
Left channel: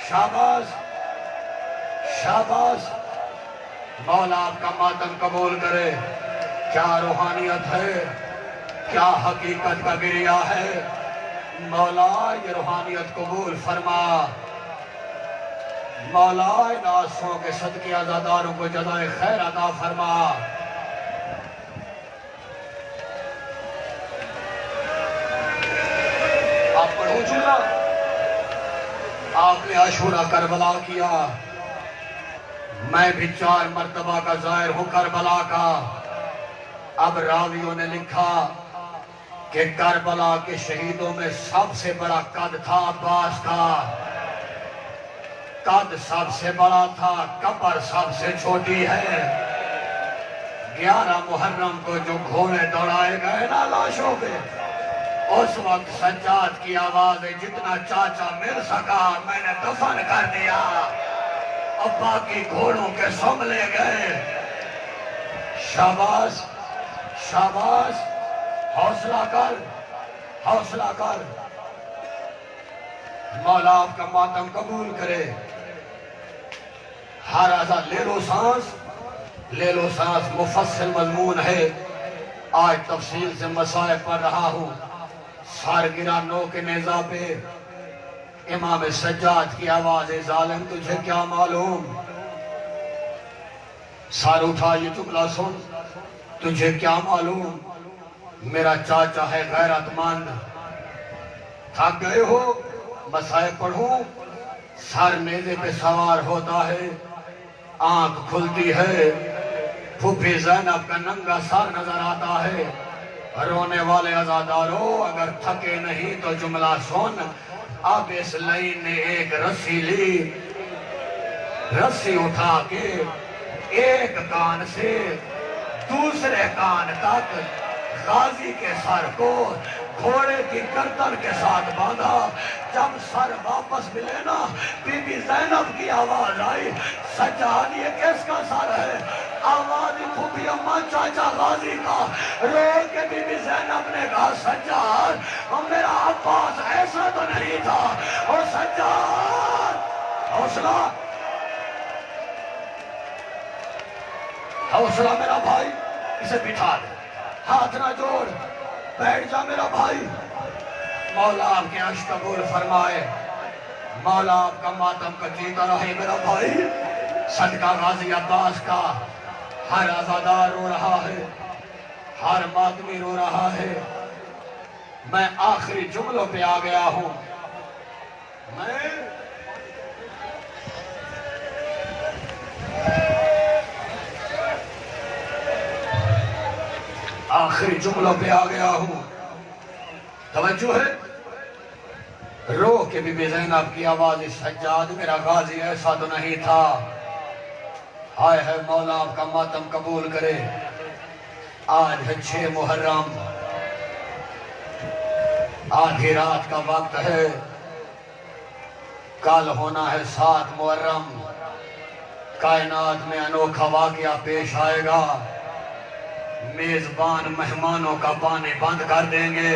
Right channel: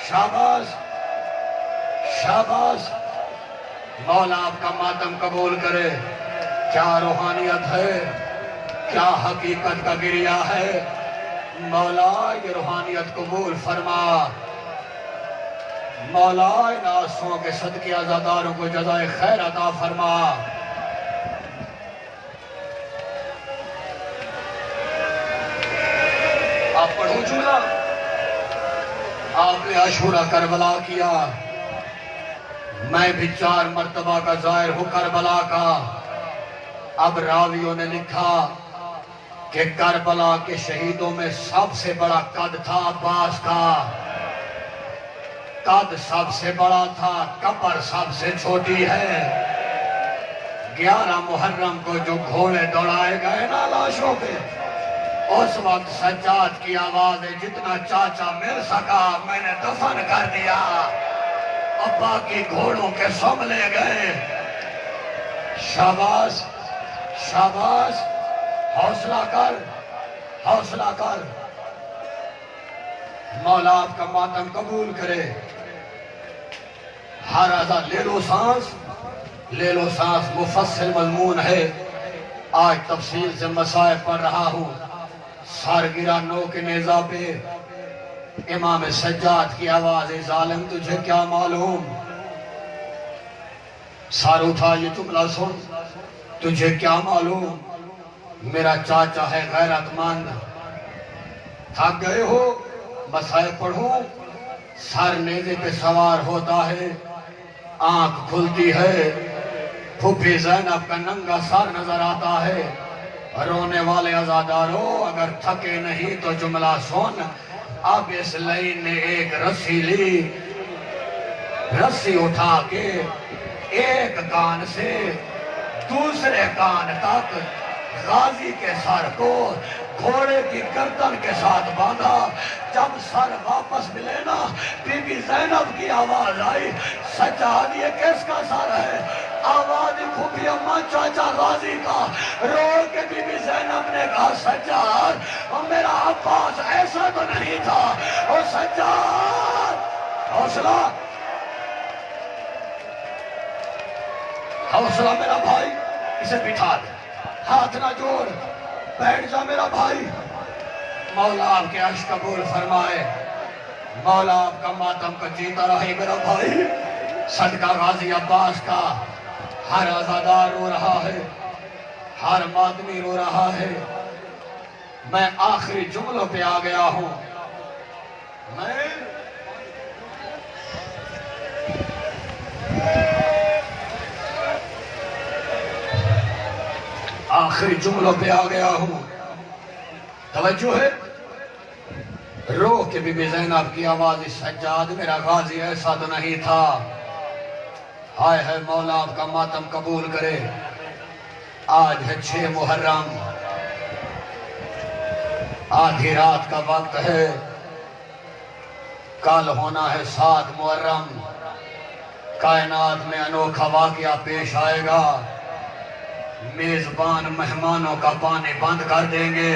شاباش شاباش مولا آپ کا ماتم قبول کرے. کیا روحانیت ہے, کیا حقیقت کا گریہ ہے. مولا یہ روحانیت قبول فرما. مولا ان آنسوؤں کے صدقے عزاداروں کو جزائے خیر عطا فرما. آپ پڑھو جملہ. آپ نے عاشورہ کربلا کیا, میں بھی 4 مرتبہ کا ظاہر ہوں کربلا کا. اب راویوں نے لکھا کہ کربلا کے شہیدوں میں سب سے بڑا قد تھا عباس کا. قد سب سے بڑا تھا, قبر سب سے چھوٹی ہے. 11 محرم کو جو گھوڑے دوڑائے گئے نا لاشوں پہ, اس وقت سجاد کی آواز ہے, جتنا چاچا مل سکا میں نے دفن کر دیا, اب باقی گھوڑوں کے سم لے گئے. شاباش شاباش, حوصلہ کر حوصلہ کر. مولا آپ کا ماتم قبول کرے. ہر آزا لے لو سانس, لے لو سانس. مفصل مضمون ہے, آج تفصیل سے مسائل پڑھ رہا ہوں. سارگرہ نو کے نیزہ پہ امام سجاد کی آواز ہے, ظالم تجھے کیا معلوم. سار اٹھا یہ جملہ سن, تجھے کیا معلوم, میرا چاچا ہے غیرت مند. تھک گئے ہو, مسائل پڑھوں. سر نیزے پہ سوار ہوتا ہے, آنکھ کھلتی ہے, پھوپھی زینب کا ننگا سر نظر آتا ہے. رونے والے عزاداروں اگر تھکے نہیں تو جملہ سن. اب اس لائن نے ایک رسی لی, رسی اٹھا کے ایک کان سے دوسرے کان تک غازی کے سر کو گھوڑے کی گردن کے ساتھ باندھا. جب سر واپس ملے نا, بی بی زینب کی آواز آئی, سجاد یہ کس کا سر ہے؟ آواز پھوپھی اماں چاچا غازی کا. رو کے بی بی زینب نے کہا, سجاد میرا عباس ایسا تو نہیں تھا. اور سجاد حوصلہ حوصلہ میرا بھائی, اسے بٹھا دے, ہاتھ نہ جوڑ, بیٹھ جا میرا بھائی. مولا آپ کے عشق قبول فرمائے. مولا آپ کا ماتم کا جیتا رہے میرا بھائی. صدقہ غازی عباس کا. ہر عزادار رو رہا ہے, ہر ماتمی رو رہا ہے. میں آخری جملوں پہ آ گیا ہوں. میں آخری جملوں پہ آ گیا ہوں. توجہ ہے. رو کے بی بی زینب کی آواز, سجاد میرا غازی ایسا تو نہیں تھا. ہائے ہے مولا آپ کا ماتم قبول کرے. آج ہے 6 محرم, آدھی رات کا وقت ہے. کل ہونا ہے 7 محرم. کائنات میں انوکھا واقعہ پیش آئے گا. میزبان مہمانوں کا پانی بند کر دیں گے.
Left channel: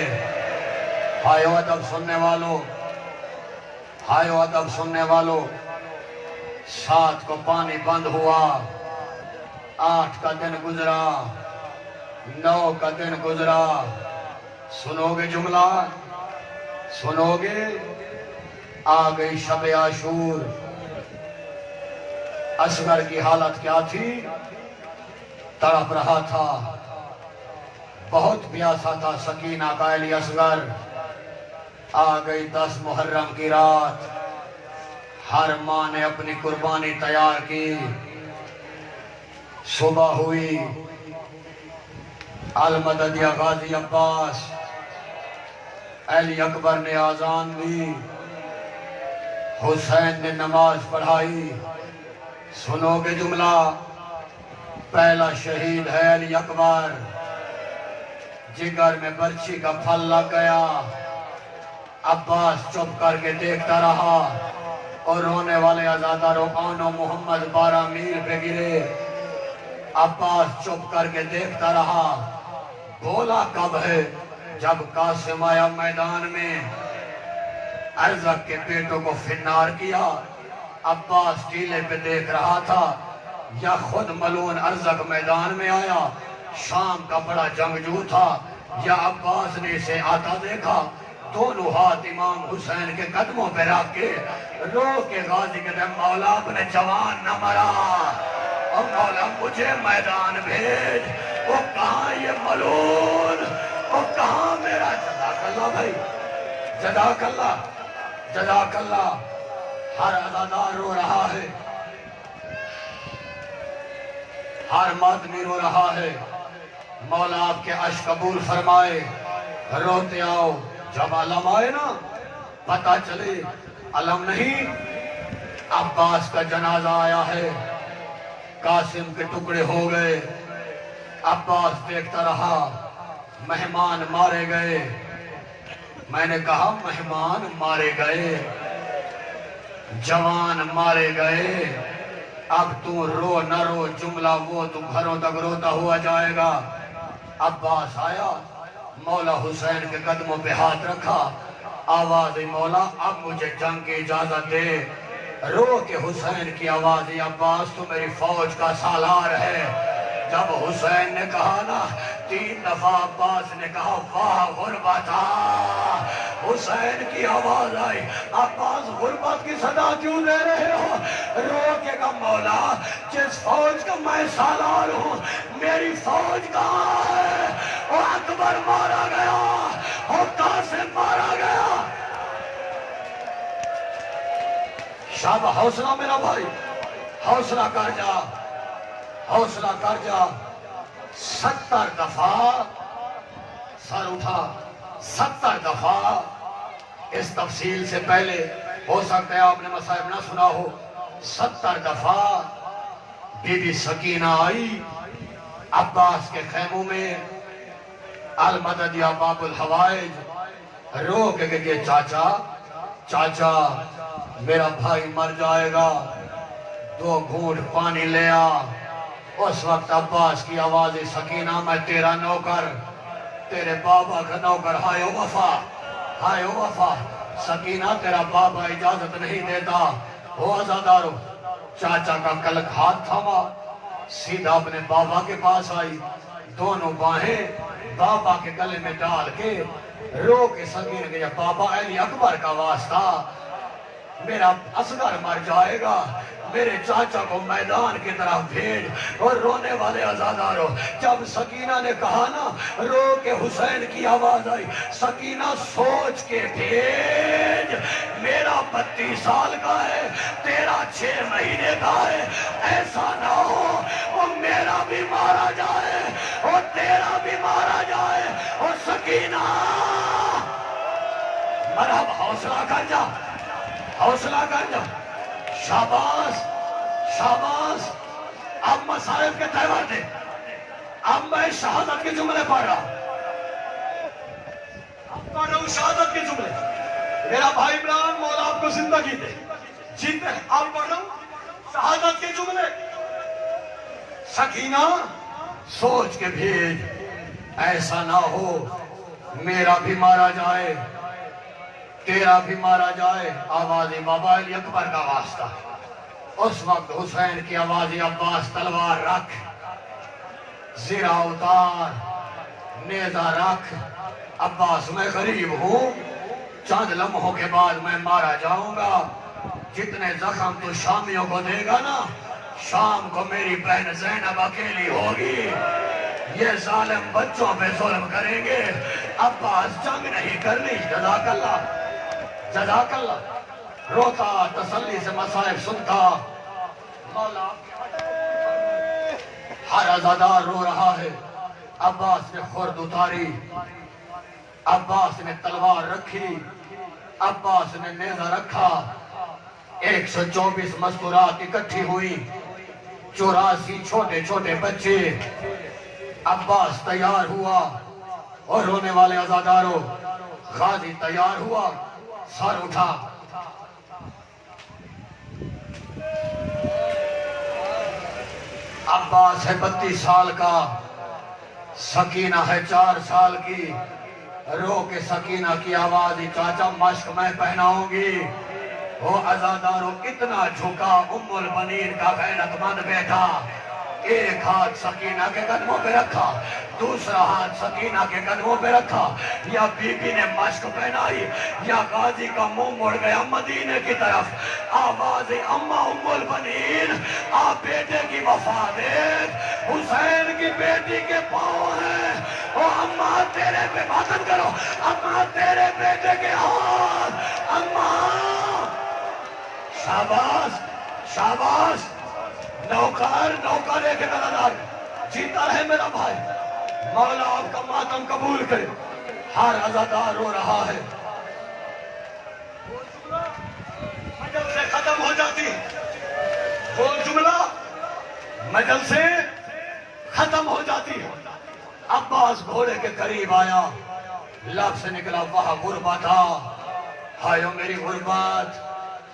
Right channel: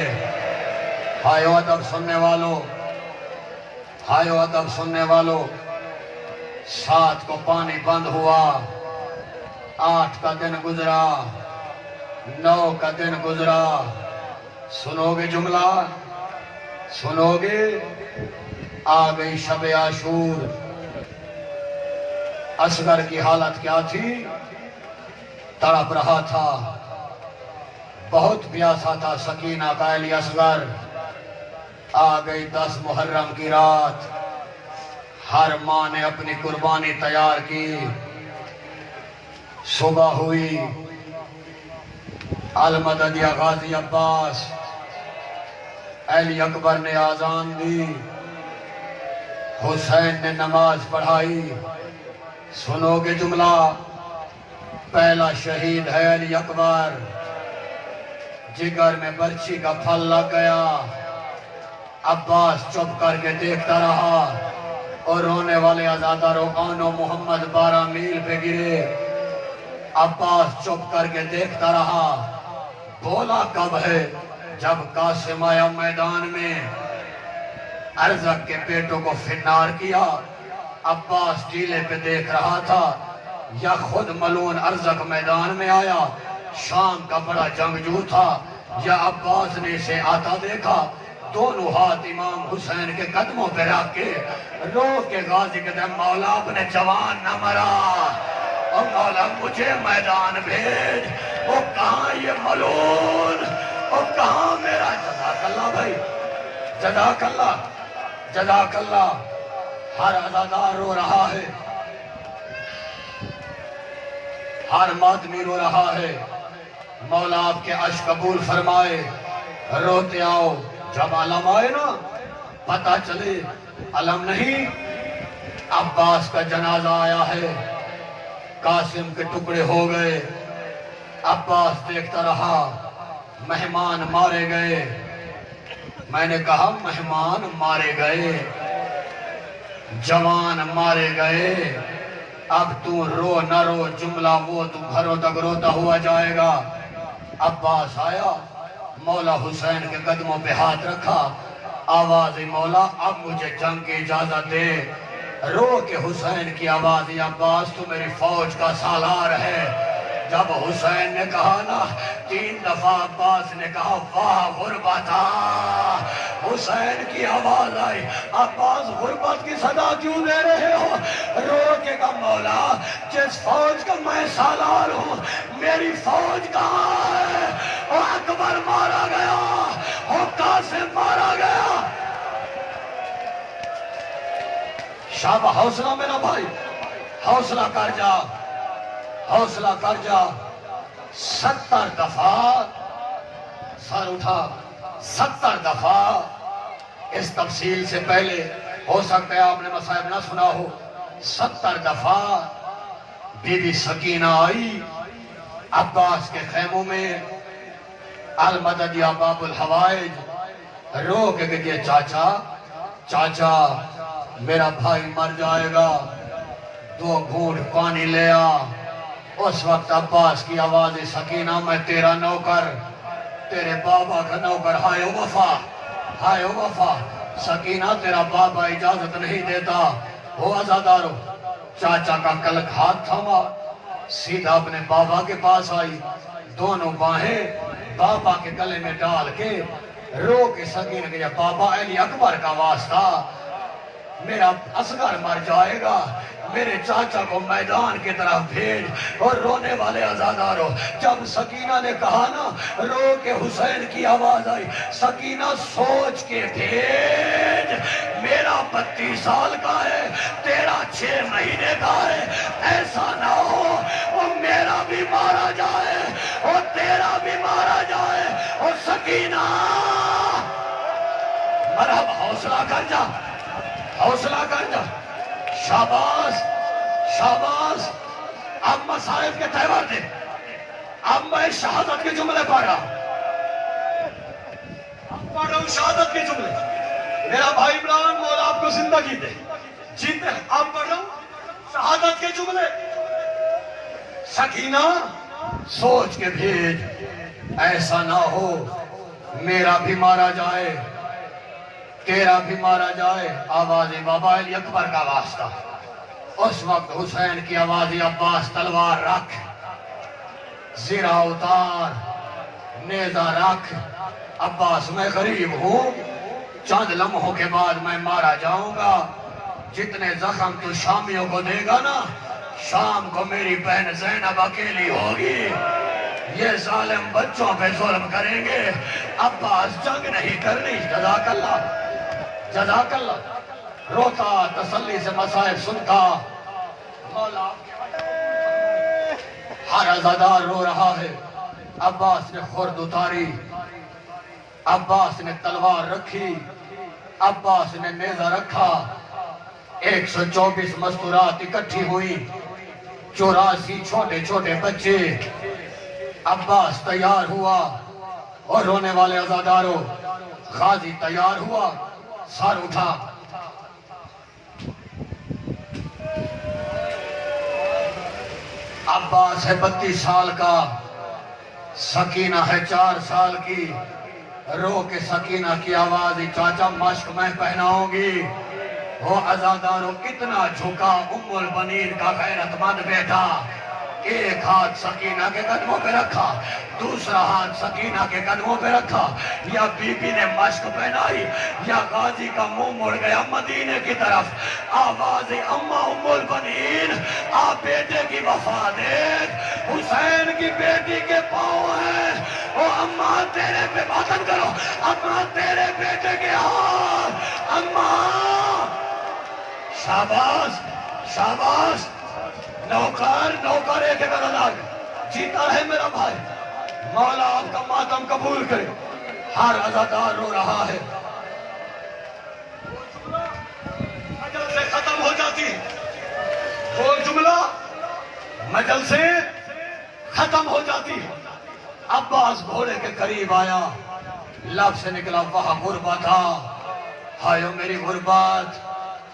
ہائے ادب سننے والوں, ہائے ادب سننے والوں. 7 کو پانی بند ہوا, 8 کا دن گزرا, 9 کا دن گزرا. سنو گے جملہ, سنو گے. آ گئی شب عاشور. اصغر کی حالت کیا تھی؟ تڑپ رہا تھا, بہت پیاسا تھا. سکینہ کا علی اصغر. آ گئی 10 محرم کی رات. ہر ماں نے اپنی قربانی تیار کی. صبح ہوئی, المدد یا غازی عباس. علی اکبر نے آذان دی, حسین نے نماز پڑھائی. سنو گے جملہ, پہلا شہید ہے علی اکبر. جگر میں برچی کا پھل لگ گیا. عباس چپ کر کے دیکھتا رہا, اور رونے والے عزاداروں آنو محمد 12 میل پہ گرے. عباس چپ کر کے دیکھتا رہا. بولا کب ہے؟ جب قاسم آیا میدان میں, ارزق کے بیٹوں کو فنار کیا. عباس ٹیلے پہ دیکھ رہا تھا, یا خود ملون ارزق میدان میں آیا، شام کا بڑا جنگجو تھا، یا عباس نے اسے آتا دیکھا، دونوں ہاتھ امام حسین کے قدموں پہ رکھ کے رو کے غازی کے دے مولا اپنے جوان نہ مرا، اور مولا مجھے میدان بھیج، وہ کہاں یہ ملون، وہ کہاں میرا جزاک اللہ بھائی، جزاک اللہ، جزاک اللہ۔ ہر عزادار رو رہا ہے، ہر مادمی رو رہا ہے، مولا آپ کے عشق قبول فرمائے، روتے آؤ، جب علم آئے نا پتہ چلے علم نہیں، عباس کا جنازہ آیا ہے، قاسم کے ٹکڑے ہو گئے، عباس دیکھتا رہا، مہمان مارے گئے، میں نے کہا مہمان مارے گئے، جوان مارے گئے، اب تو رو نہ رو، جملہ وہ تو گھروں تک روتا ہوا جائے گا۔ عباس آیا، مولا حسین کے قدموں پہ ہاتھ رکھا، آواز مولا اب مجھے جنگ کی اجازت دے، رو کے حسین کی آواز، عباس تو میری فوج کا سالار ہے۔ جب حسین نے کہا نا 3 دفعہ، عباس نے کہا واہ غربتا، حسین کی آواز آئی، عباس غربت کی صدا کیوں دے رہے ہو؟ رو کے کہا مولا جس فوج کا میں سالار ہوں، میری فوج کہاں ہے؟ اور اکبر مارا گیا، اور قاسم مارا گیا۔ شابہ، حوصلہ میرا بھائی، حوصلہ کر جا، حوصلہ کر جا۔ 70 دفعہ سر اٹھا، 70 دفعہ، اس تفصیل سے پہلے ہو سکتا ہے آپ نے مصائب نہ سنا ہو، 70 دفعہ بی بی سکینہ آئی عباس کے خیموں میں، المدد یا باب الحوائج، رو کے کہ چاچا چاچا میرا بھائی مر جائے گا، 2 گھونٹ پانی لے آ۔ اس وقت عباس کی آواز، سکینہ میں تیرا نوکر، تیرے بابا کا نوکر، ہائے وفا، ہائے وفا، سکینہ تیرا بابا اجازت نہیں دیتا، ہو عزادارو۔ چاچا کا کلک ہاتھ تھما، سیدھا اپنے بابا کے پاس آئی، دونوں باہیں بابا کے گلے میں ڈال کے رو کے سکینہ کہ بابا علی اکبر کا واسطہ، میرا اصغر مر جائے گا، میرے چاچا کو میدان کی طرف بھیج۔ اور رونے والے عزادارو، جب سکینہ نے کہا نا، رو کے حسین کی آواز آئی، سکینہ سوچ کے بھیج، میرا 32 سال کا ہے، تیرا 6 مہینے کا ہے، ایسا نہ ہو اور میرا بھی مارا جائے اور تیرا بھی مارا جائے۔ اور سکینہ مرحبا، حوصلہ کر جا، حوصلہ کر جا، شاباش شاباش۔ اب مصائب کے تہوار دے، اب میں شہادت کے جملے پڑھ رہا ہوں، پڑھ رہا ہوں شہادت کے جملے۔ میرا بھائی عمران مولا آپ کو زندگی دے، جیتے ہیں، اب پڑھ رہا ہوں شہادت کے جملے۔ سکینہ سوچ کے بھیج، ایسا نہ ہو میرا بھی مارا جائے، تیرا بھی مارا جائے۔ آواز بابا علی اکبر کا واسطہ۔ اس وقت حسین کی آواز، عباس تلوار رکھ، زرہ اتار، نیزہ رکھ۔ عباس میں غریب ہوں، چند لمحوں کے بعد میں مارا جاؤں گا، جتنے زخم تو شامیوں کو دے گا نا، شام کو میری بہن زینب اکیلی ہوگی، یہ ظالم بچوں پہ ظلم کریں گے، عباس جنگ نہیں کرنی۔ جزاک اللہ، جزاک اللہ۔ روتا تسلی سے مصائب سنتا، مولا ہر عزادار رو رہا ہے۔ عباس نے خرد اتاری، عباس نے تلوار رکھی، عباس نے نیزہ رکھا، 124 مستورات اکٹھی ہوئی، 84 چھوٹے چھوٹے بچے۔ عباس تیار ہوا، اور رونے والے عزاداروں، غازی تیار ہوا، سر اٹھا۔ عباس ہے 32 سال کا، سکینہ ہے 4 سال کی۔ رو کے سکینہ کی آواز، چاچا مشق میں پہناؤں گی، وہ عزاداروں اتنا جھکا ام البنین کا غیرت مند بیٹا، ایک ہاتھ سکینہ کے قدموں پہ رکھا، دوسرا ہاتھ سکینہ کے قدموں پہ رکھا، یا بی بی نے مشق پہنائی، یا غازی کا منہ مڑ گیا مدینے کی طرف، آواز اماں ام البنین، آپ بیٹے کی وفا دیکھ، حسین کی بیٹی کے پاؤں ہیں، او اماں تیرے پہ ماتم کرو، اماں تیرے بیٹے کے ہاتھ، اماں شاباش شاباش، نوکر ایک برادر، جیتا رہے میرا بھائی، مولا آپ کا ماتم قبول کرے، ہر عزادار رو رہا ہے، مجل سے ختم ہو جاتی ہے، وہ جملہ مجل سے ختم ہو جاتی ہے، عباس گھوڑے کے قریب آیا، لب سے نکلا وہاں غربت تھا، ہائیو میری غربت،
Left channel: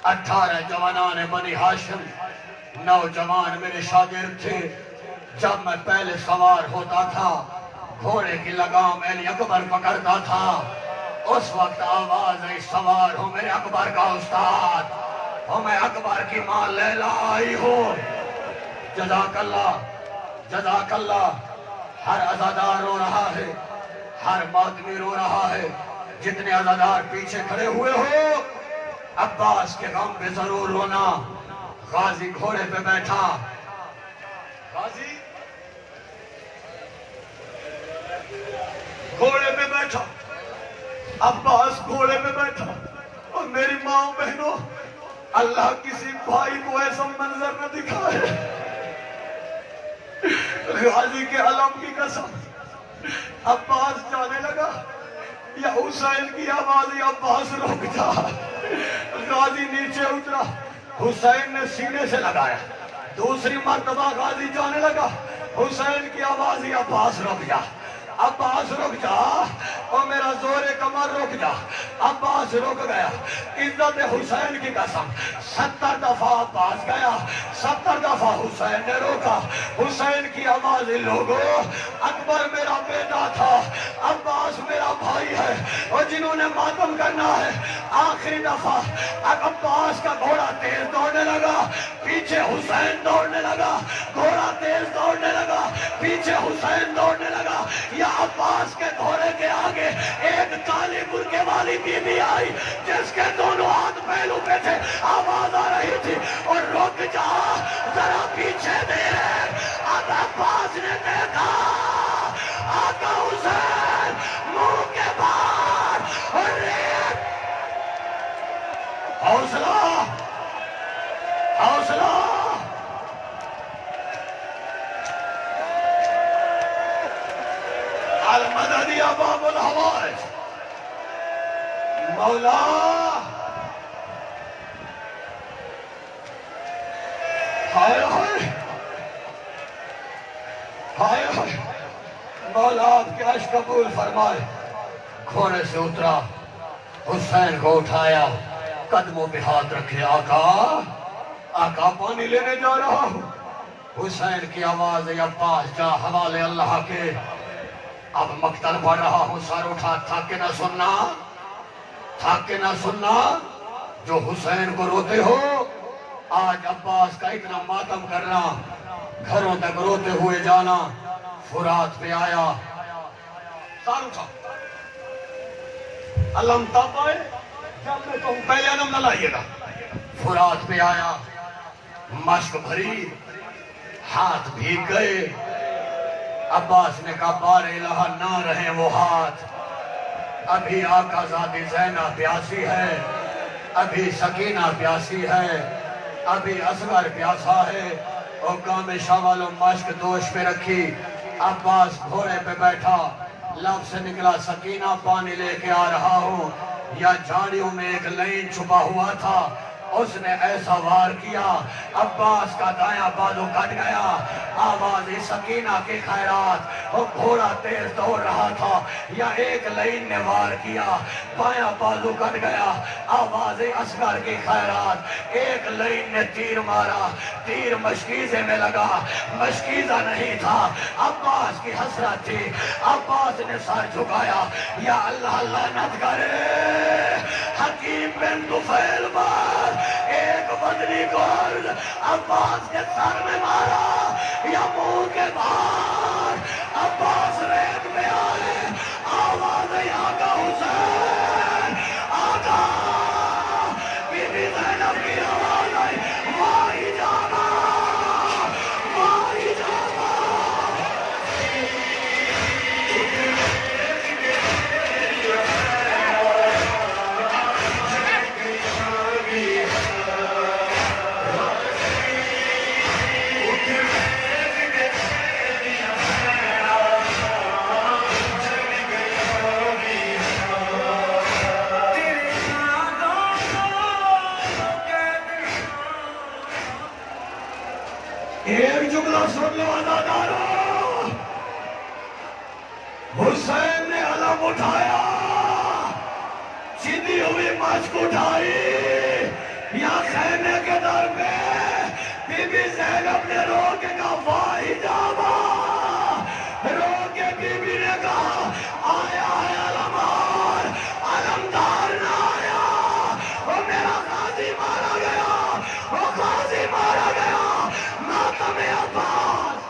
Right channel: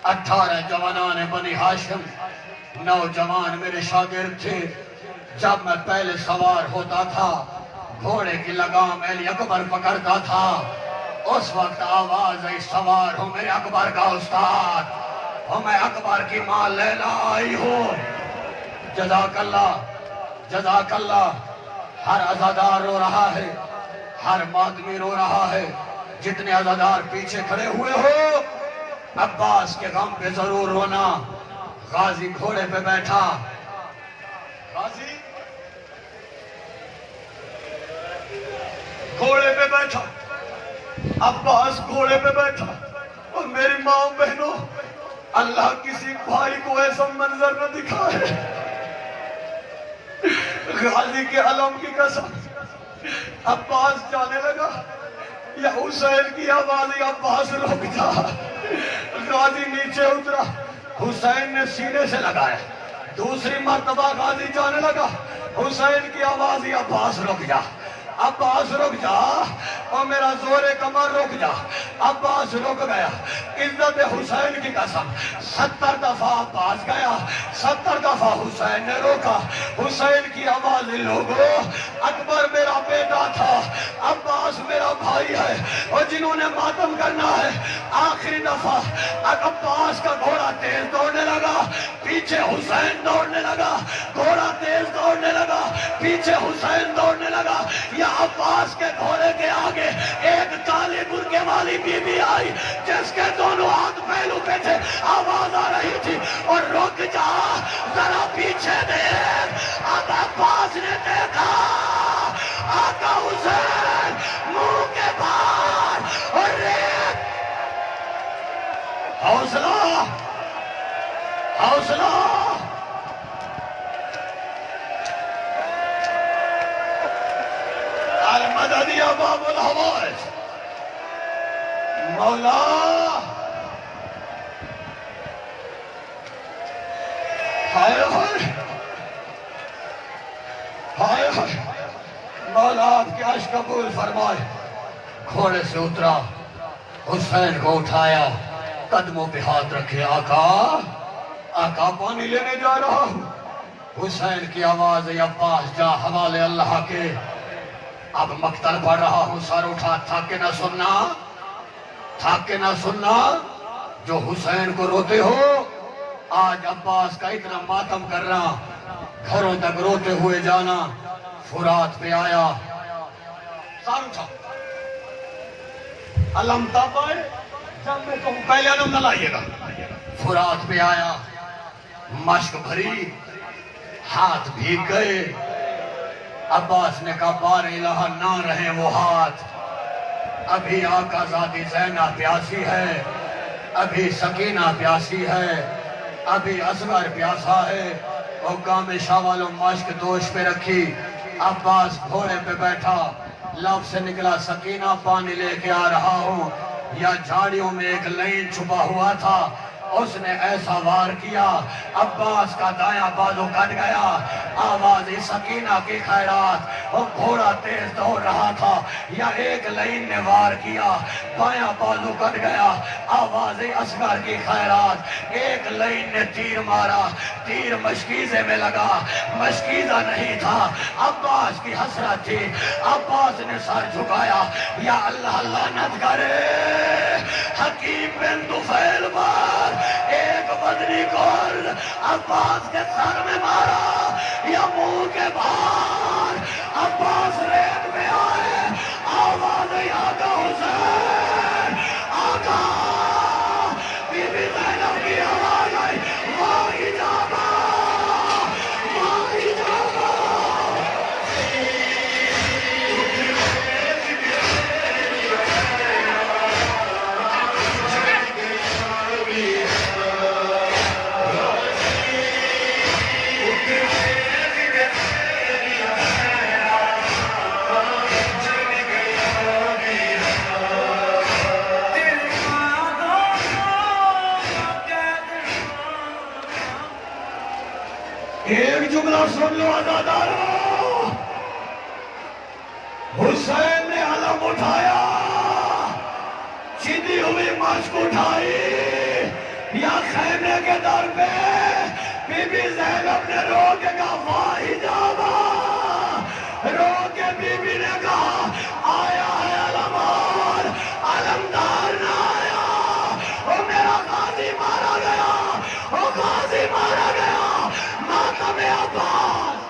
18 جوانان بنی ہاشم، نوجوان میرے شاگرد تھے، جب میں پہلے سوار ہوتا تھا گھوڑے کی لگام علی اکبر پکڑتا تھا، اس وقت آواز آئی سوار ہوں میرے اکبر کا استاد، ہوں میں اکبر کی ماں لیلا آئی ہوں، جزاک اللہ جزاک اللہ، ہر عزادار رو رہا ہے، ہر ماتمی رو رہا ہے، جتنے عزادار پیچھے کھڑے ہوئے ہو عباس کے غم پہ ضرور رونا، غازی گھوڑے پہ بیٹھا، غازی گھوڑے پہ بیٹھا، عباس گھوڑے پہ بیٹھا، اور میری ماں بہنوں، اللہ کسی بھائی کو ایسا منظر نہ دکھائے، غازی کے علم کی قسم، عباس جانے لگا، یا حسین کی آواز، یا عباس رک جا، غازی نیچے اترا، حسین نے سینے سے لگایا، دوسری مرتبہ غازی جانے لگا، حسین کی آواز، یا عباس رک جا، عباس رک جا، اور میرا زور کمر رک جا، عباس رک گیا، عزت حسین کی قسم، 70 دفعہ عباس گیا، 70 دفعہ حسین نے روکا، حسین کی آواز، لوگو اکبر میرا بیٹا تھا، عباس میرا بھائی ہے، اور جنہوں نے ماتم کرنا ہے، آخری دفعہ عباس کا گھوڑا تیز دوڑنے لگا، پیچھے حسین دوڑنے لگا، گھوڑا تیز دوڑنے لگا، پیچھے حسین دوڑنے لگا، یا عباس کے گھوڑے کے آگے ایک کالی برقعے والی بی بی آئی، جس کے دونوں ہاتھ پہلو پہ تھے، آواز آ رہی تھی، اور رک جا، ذرا پیچھے دیکھ، اب عباس نے دیکھا آقا حسین منہ کے باہر، اور حوصلہ حوصلہ، المدد یا باب الحوائج، مولا ہائے ہائے ہائے ہائے، مولا آپ کے عشق قبول فرمائے، گھوڑے سے اترا، حسین کو اٹھایا، قدموں پہ ہاتھ رکھے، آقا آقا پانی لینے جا رہا ہوں، حسین کی آواز، یا عباس جا حوالے اللہ کے، اب مقتل پڑھ رہا ہوں، سر اٹھا، تھک کے نہ سننا، تھک کے نہ سننا، جو حسین کو روتے ہو، آج عباس کا اتنا ماتم کرنا، گھروں تک روتے ہوئے جانا، فرات پہ آیا، سر اٹھا، علم تب آئے جب میں کہوں پہلے علم نہ لائیے گا، فرات پہ آیا، مشک بھری، ہاتھ بھیگ گئے، عباس نے کہا بار الہ نہ رہے وہ ہاتھ، ابھی آقا زادی زینب پیاسی ہے، ابھی سکینہ پیاسی ہے، ابھی اصغر پیاسا ہے، اور گام شاہ والوں مشک دوش پہ رکھی، عباس گھوڑے پہ بیٹھا، لب سے نکلا سکینہ پانی لے کے آ رہا ہوں، یا جھاڑیوں میں ایک لائن چھپا ہوا تھا، اس نے ایسا وار کیا، عباس کا دایاں بازو کٹ گیا، آواز سکینہ کی خیرات، وہ گھوڑا تیز دوڑ رہا تھا، یا ایک لائن نے وار کیا، بایاں بازو کٹ گیا، آواز اصغر کی خیرات، ایک لائن نے تیر مارا، تیر مشکیزے میں لگا، مشکیزہ نہیں تھا، عباس کی حسرت تھی، عباس نے سر جھکایا، یا اللہ لعنت کرے حکیم بن طفیل پر، مدنی گرد عباس کے سر میں مارا یا منہ کے باہر عباس ریت میں آئے آواز آقا حسین آقا بی بی زینب کی آواز آئی ماہی جاما ماہی جاما ایک جملہ سن لو عزادارو حسین نے علم اٹھایا چیدی ہوئی مشک اٹھائی یا خیمے کے در پہ بی بی زینب نے رو کے کہا واہی جاما رو کے بی بی نے کہا آیا ہے علمدار علمدار نہ آیا وہ میرا غازی مارا گیا وہ غازی مارا گیا ماتم عباس